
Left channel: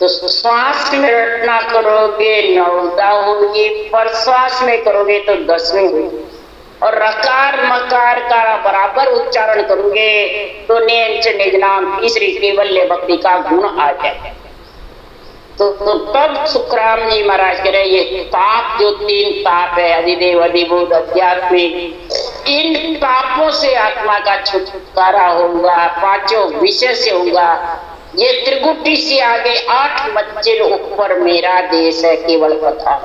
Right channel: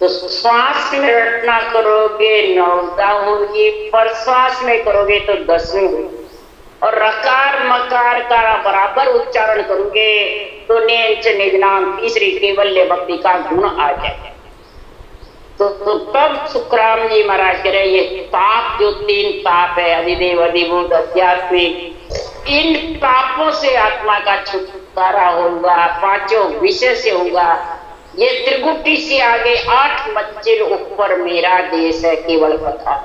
तो श्वास में रटना करोगे 9दा होगी, पर श्वास में करोगे तो 10वें होगी। और रकार मकार का बराबर उच्चारण करोगे तो नेंच निज नाम तीसरी केवल्य भक्ति का गुण आ जाए। तो तब सुखराम जी महाराज कह रहे ये ताप जो 3 ताप है, अधिदेव अधिभूत आध्यात्मिक, इन तापों से आत्मा का छुटकारा होगा, 5 विषय से होगा। ये त्रिगुटी से आगे 8 मंजिल ऊपर मेरा देश है केवल कथा।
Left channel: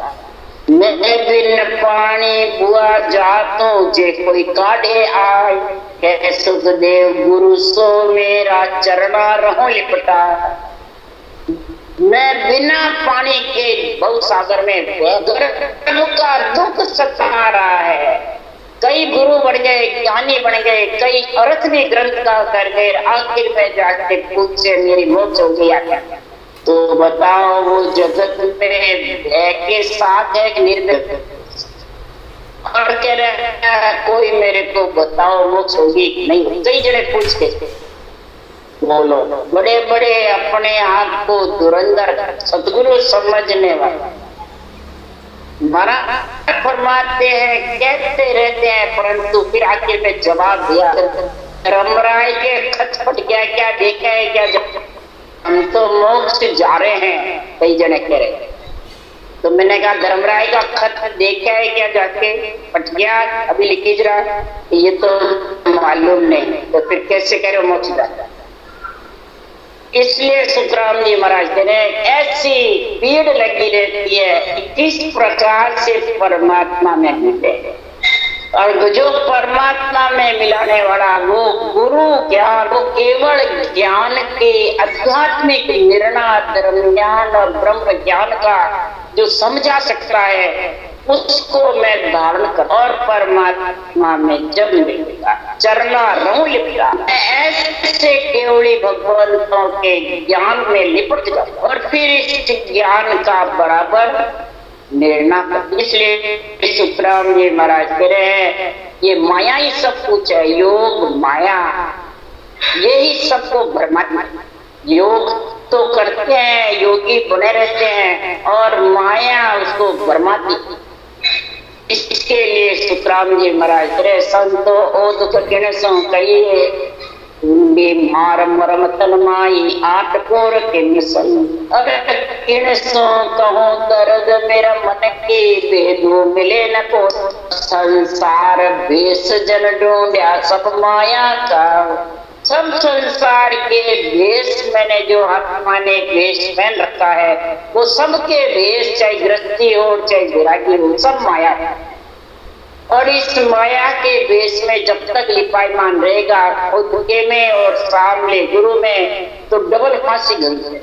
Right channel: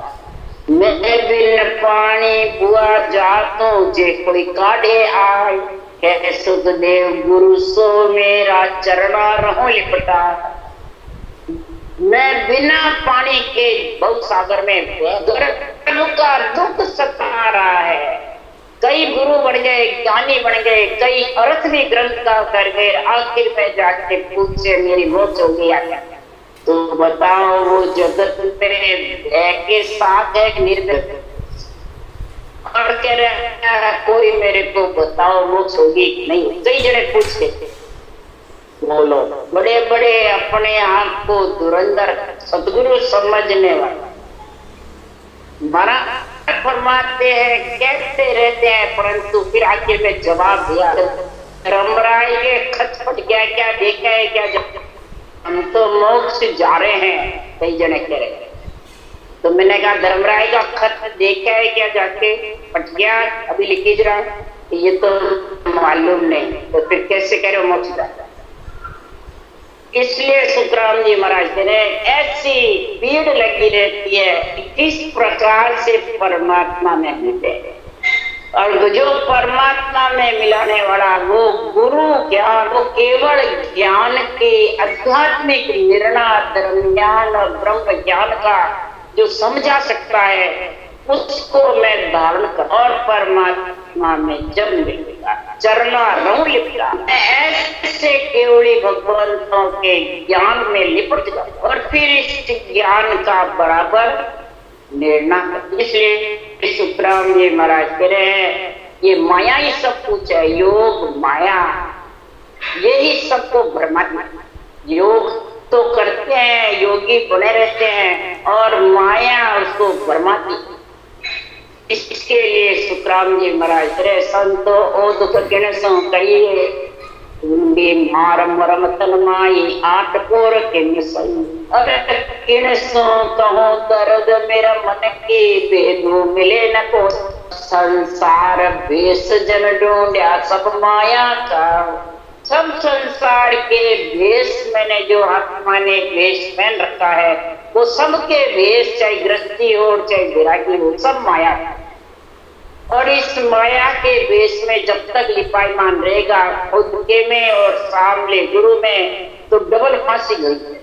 मैं बिन पानी बुआ जातों जे कोई काढ़े आए, कह सुखदेव गुरु सो मेरा चरणा रहो लिपटा। मैं बिना पानी के बहुत सागर में का दुख सता रहा है। कई गुरु बन गए, ज्ञानी बन गए, कई अर्थ भी ग्रंथ का कर गए, आखिर में जाके पूछे मेरी मौत हो गया क्या? तो बताओ वो जगत में के साथ है निर्भय और कह रहे कोई मेरे को बताओ मोक्ष होगी नहीं। कई जने पूछ के बोलो, बड़े बड़े अपने आप को धुरंधर सतगुरु समझने वाला महाराज फरमाते हैं, कहते रहते हैं, परंतु फिर आखिर में जवाब दिया। धर्मराय के खत पट गया, क्या देखा है क्या? हम तो मोक्ष जा रहे हैं, कई जने कह रहे। तो मैंने कहा धर्मराय का खत देखा है क्या? जाके पट गया, अभी लिखी रहा, ये तो मालूम नहीं। तो फिर कैसे कह रहे हो मोक्ष जाता? इसलिए सुखराम जी महाराज कह रहे ऐसी भीड़ लगी रहती है कि किस प्रकार से परमात्मा में मिले, और जो परमात्मा में मिलाने वाला वो गुरु ज्ञान, वो केवल ज्ञान के आध्यात्मिक निर्णय धर्म ज्ञान और ब्रह्म ज्ञान का जो समझा सकता है, उसको मैं धारण कर और परमात्मा में जब मिलेगा चरना रहूं लिपटा। ऐसे केवली भगवंतों के ज्ञान में लिपट जाऊं और फिर इस ज्ञान का बराबर निर्णय कर। इसलिए सुखराम जी महाराज कह रहे हैं ये माया ही सब कुछ है, योग माया यही सबको भ्रमात्मा। योग तो करते हैं, योगी बने रहते हैं, और माया उसको भ्रमाती। इसके लिए सुखराम जी महाराज करे संतो ओ दुख किण सो कहिए, मार मरम तन्माई आठ पोर किन संग। अब किण सो कहो दर्द मेरा मन के भेदू मिले न को। संसार भेष जन ढूंढा सब माया का। सब संसार के भेष मैंने जो आत्मा ने भेष पहन रखा है, वो सबके भेष, चाहे गृहस्थी हो चाहे विरागी हो, सब माया है। और इस माया के भेष में जब तक लिपायमान रहेगा खुद के में और सामने गुरु में, तो डबल फांसी गई है।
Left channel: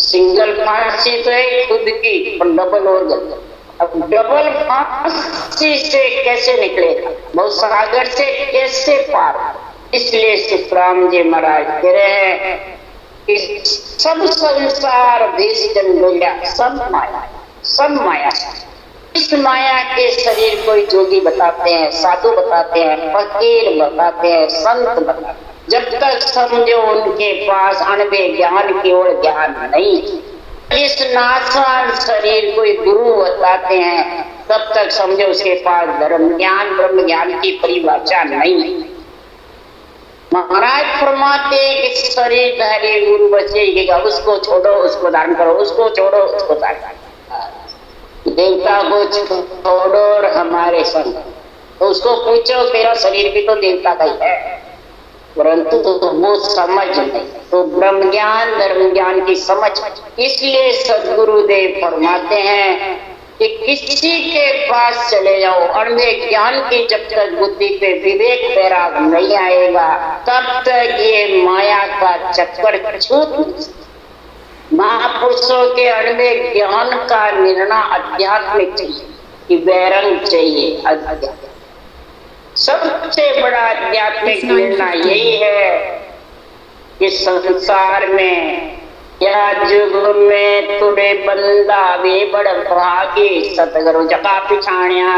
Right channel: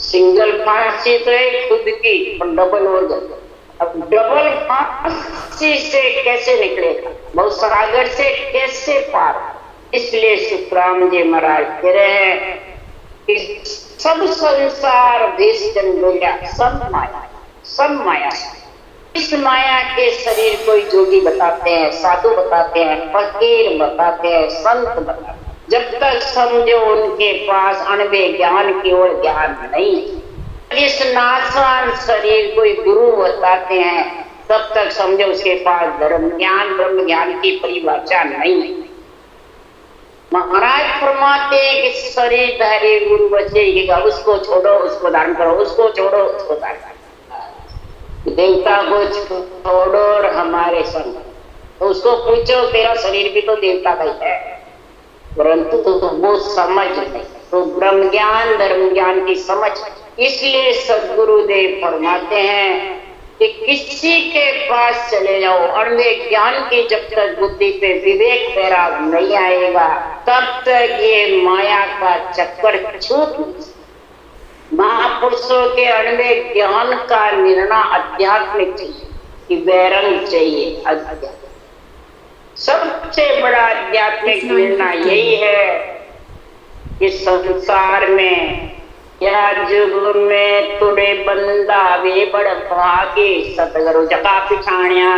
सिंगल फांसी तो है खुद की, पर डबल हो जाता। अब डबल फांसी से कैसे निकलेगा, बहुत सागर से कैसे पार? इसलिए सुखराम जी महाराज कह रहे हैं कि सब संसार भेष जन ढूंढा, सब माया, सब माया। इस माया के शरीर कोई जोगी बताते हैं, साधु बताते हैं, फकीर बताते हैं, संत बताते हैं। जब तक समझो उनके पास अनबे ज्ञान की ओर ज्ञान नहीं, इस नाशवान शरीर कोई गुरु बताते हैं, तब तक समझो उसके पास धर्म ज्ञान ब्रह्म ज्ञान की परिभाषा नहीं। महाराज फरमाते हैं कि शरीर धारी गुरु बचेगा, उसको छोड़ो उसको धारण करो, उसको छोड़ो उसको धारण करो। देवता को छोड़ो और हमारे संग, तो उसको पूछो तेरा शरीर भी तो देवता का ही है, परंतु तो वो समझ नहीं, तो ब्रह्म ज्ञान धर्म ज्ञान की समझ। इसलिए सद्गुरुदेव फरमाते हैं कि किसी के पास चले जाओ, अण्डे ज्ञान की जब तक बुद्धि पे विवेक पैरा नहीं आएगा, तब तक ये माया का चक्कर छूट। महापुरुषों के अण्डे ज्ञान का निर्णय आध्यात्मिक चाहिए कि वैरंग चाहिए। अध्यात्म सबसे बड़ा आध्यात्मिक निर्णय यही है कि संसार में या जुग में तुड़े बंदा वे बड़ भागे, सतगुरु जका पिछाणिया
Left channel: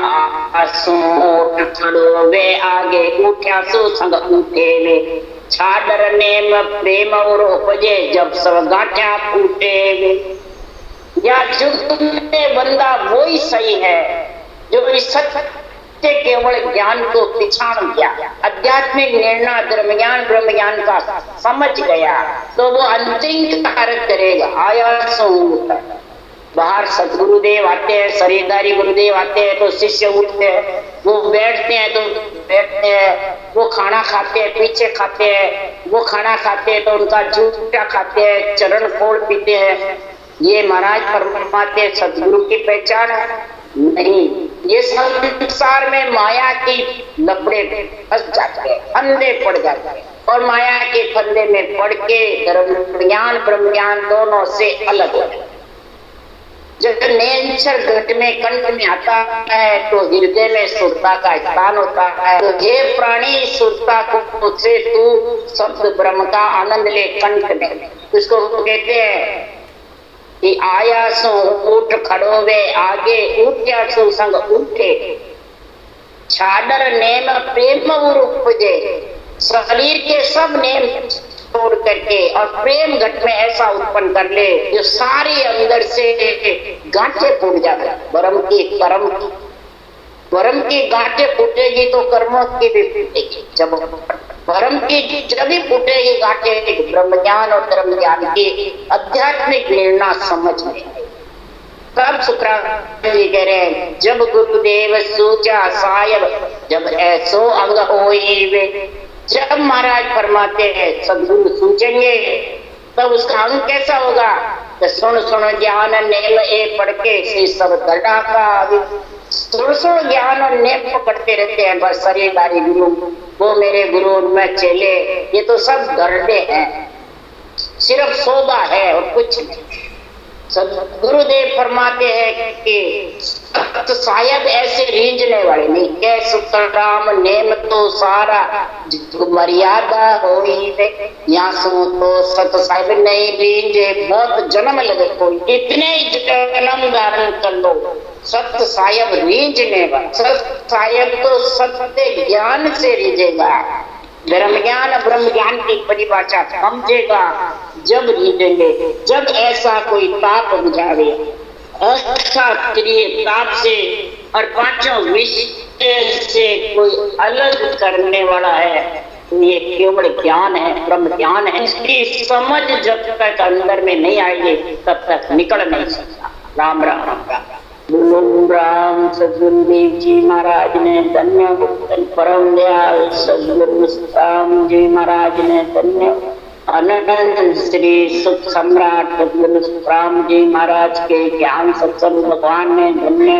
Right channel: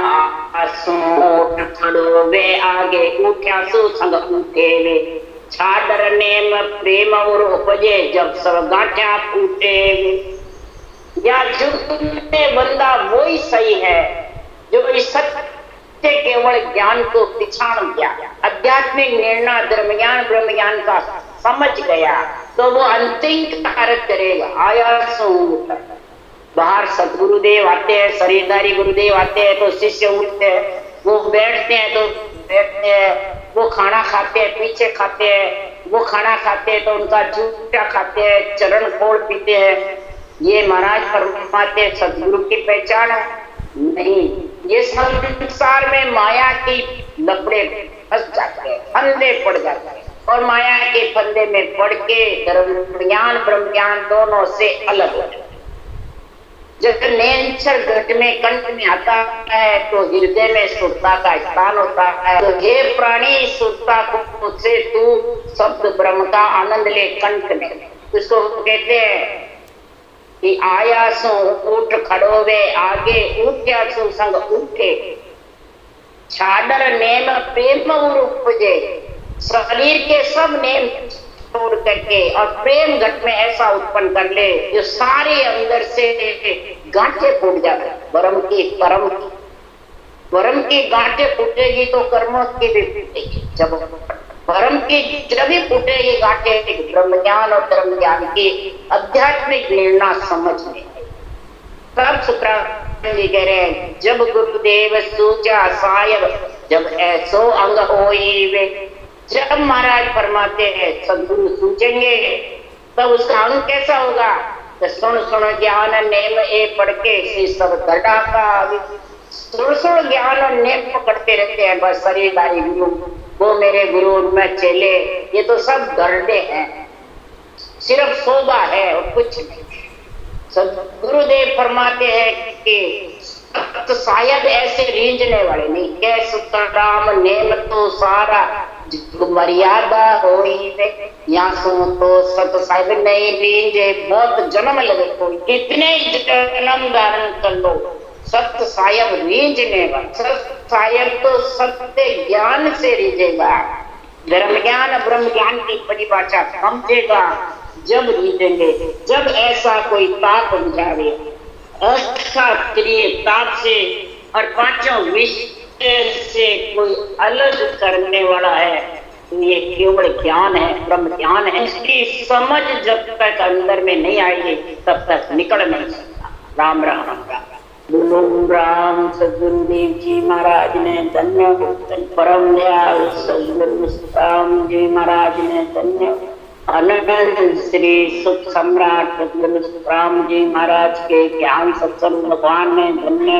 आसोट खड़ो वे आगे, उठ्या सो संग उठे वे, छाडर नेम प्रेम और उपजे जब सब गांठिया फूटे वे। या जुग में बंदा वही सही है जो इस सत्य केवल ज्ञान को पिछाड़ गया, आध्यात्मिक निर्णय धर्म ज्ञान ब्रह्म ज्ञान का समझ गया, तो वो अंतिम कार्य करेगा। आया सो बाहर सदगुरुदेव आते हैं, शरीरधारी गुरुदेव आते हैं तो शिष्य उठते हैं, वो बैठते हैं तो बैठते हैं, वो खाना खाते हैं पीछे खाते हैं, वो खाना खाते हैं तो उनका जूठा खाते हैं, चरण फोड़ पीते हैं। ये महाराज फरमाते सदगुरु की पहचान है। नहीं, ये संसार में माया की लपड़े फंस जाते हैं, फंदे पड़ जाते हैं, और माया के फंदे में पड़ के धर्म ज्ञान ब्रह्म ज्ञान दोनों से अलग हो जाते हैं। जब नेचर घट में कंठ में आता है तो हृदय में सुरता का स्थान होता है। तो हे प्राणी, सुरता को से तू शब्द ब्रह्म का आनंद ले कंठ में। उसको कहते हैं कि आया सो उठ खड़ोवे आगे, उठ्या सो संग उठे, छाडर नेम प्रेम उपजे। शरीर के सब नेम छोड़ करके और प्रेम घट में ऐसा उत्पन्न कर ले जो सारे अंदर से गांठे फूट जाते। ब्रह्म की कर्म की ब्रह्म की गांठे फूटेगी तो कर्मों की भी फूटेगी। जब ब्रह्म की जब भी फूटेगी गांठे ब्रह्म ज्ञान और धर्म ज्ञान की आध्यात्मिक प्रेरणा समझ में आई। तब शुक्राचार्य जी कह रहे हैं, जब गुरुदेव सूचा सायब, जब ऐसो अंग होई वे। जब महाराज फरमाते हैं सदगुरु सूचेंगे तब उसका अंग कैसा होगा? तो सुन सुन ज्ञान नेम ए पढ़ के श्री सब गढ़ा का सुन सुन ज्ञान नेम पकड़ते रहते हैं। बस शरीरधारी गुरु, वो मेरे गुरु, मैं चेले, ये तो सब गढ़े हैं, सिर्फ शोभा है और कुछ नहीं। गुरुदेव फरमाते हैं कि तो शायद ऐसे रींझने वाले नहीं, क्या सुतराम नेम तो सारा मर्यादा हो ही वे, यहाँ सो तो सत साहिब नहीं रींझे, बहुत जन्म लगे कोई, इतने जन्म धारण कर लो, सत्य साहिब रींझने वाला। सत्य साहिब तो सत्य ज्ञान से रीझेगा, धर्म ज्ञान ब्रह्म ज्ञान की परिभाषा समझेगा जब रीझेंगे। जब ऐसा कोई ताप बुझावे, अक्षात्रिय ताप से और पांचों विषय से कोई अलग करने वाला है, तो ये केवल ज्ञान है, ब्रह्म ज्ञान है। इसकी समझ जब तक अंदर में नहीं आएगी तब तक निकल नहीं सकता। राम राम राम राम। गुरु राम सदगुरुदेव जी महाराज ने धन्य, परम दयाल सदगुरु राम जी महाराज ने धन्य, अनंत श्री सुख सम्राट सदगुरु राम जी महाराज के ज्ञान सत्संग भगवान ने धन्य।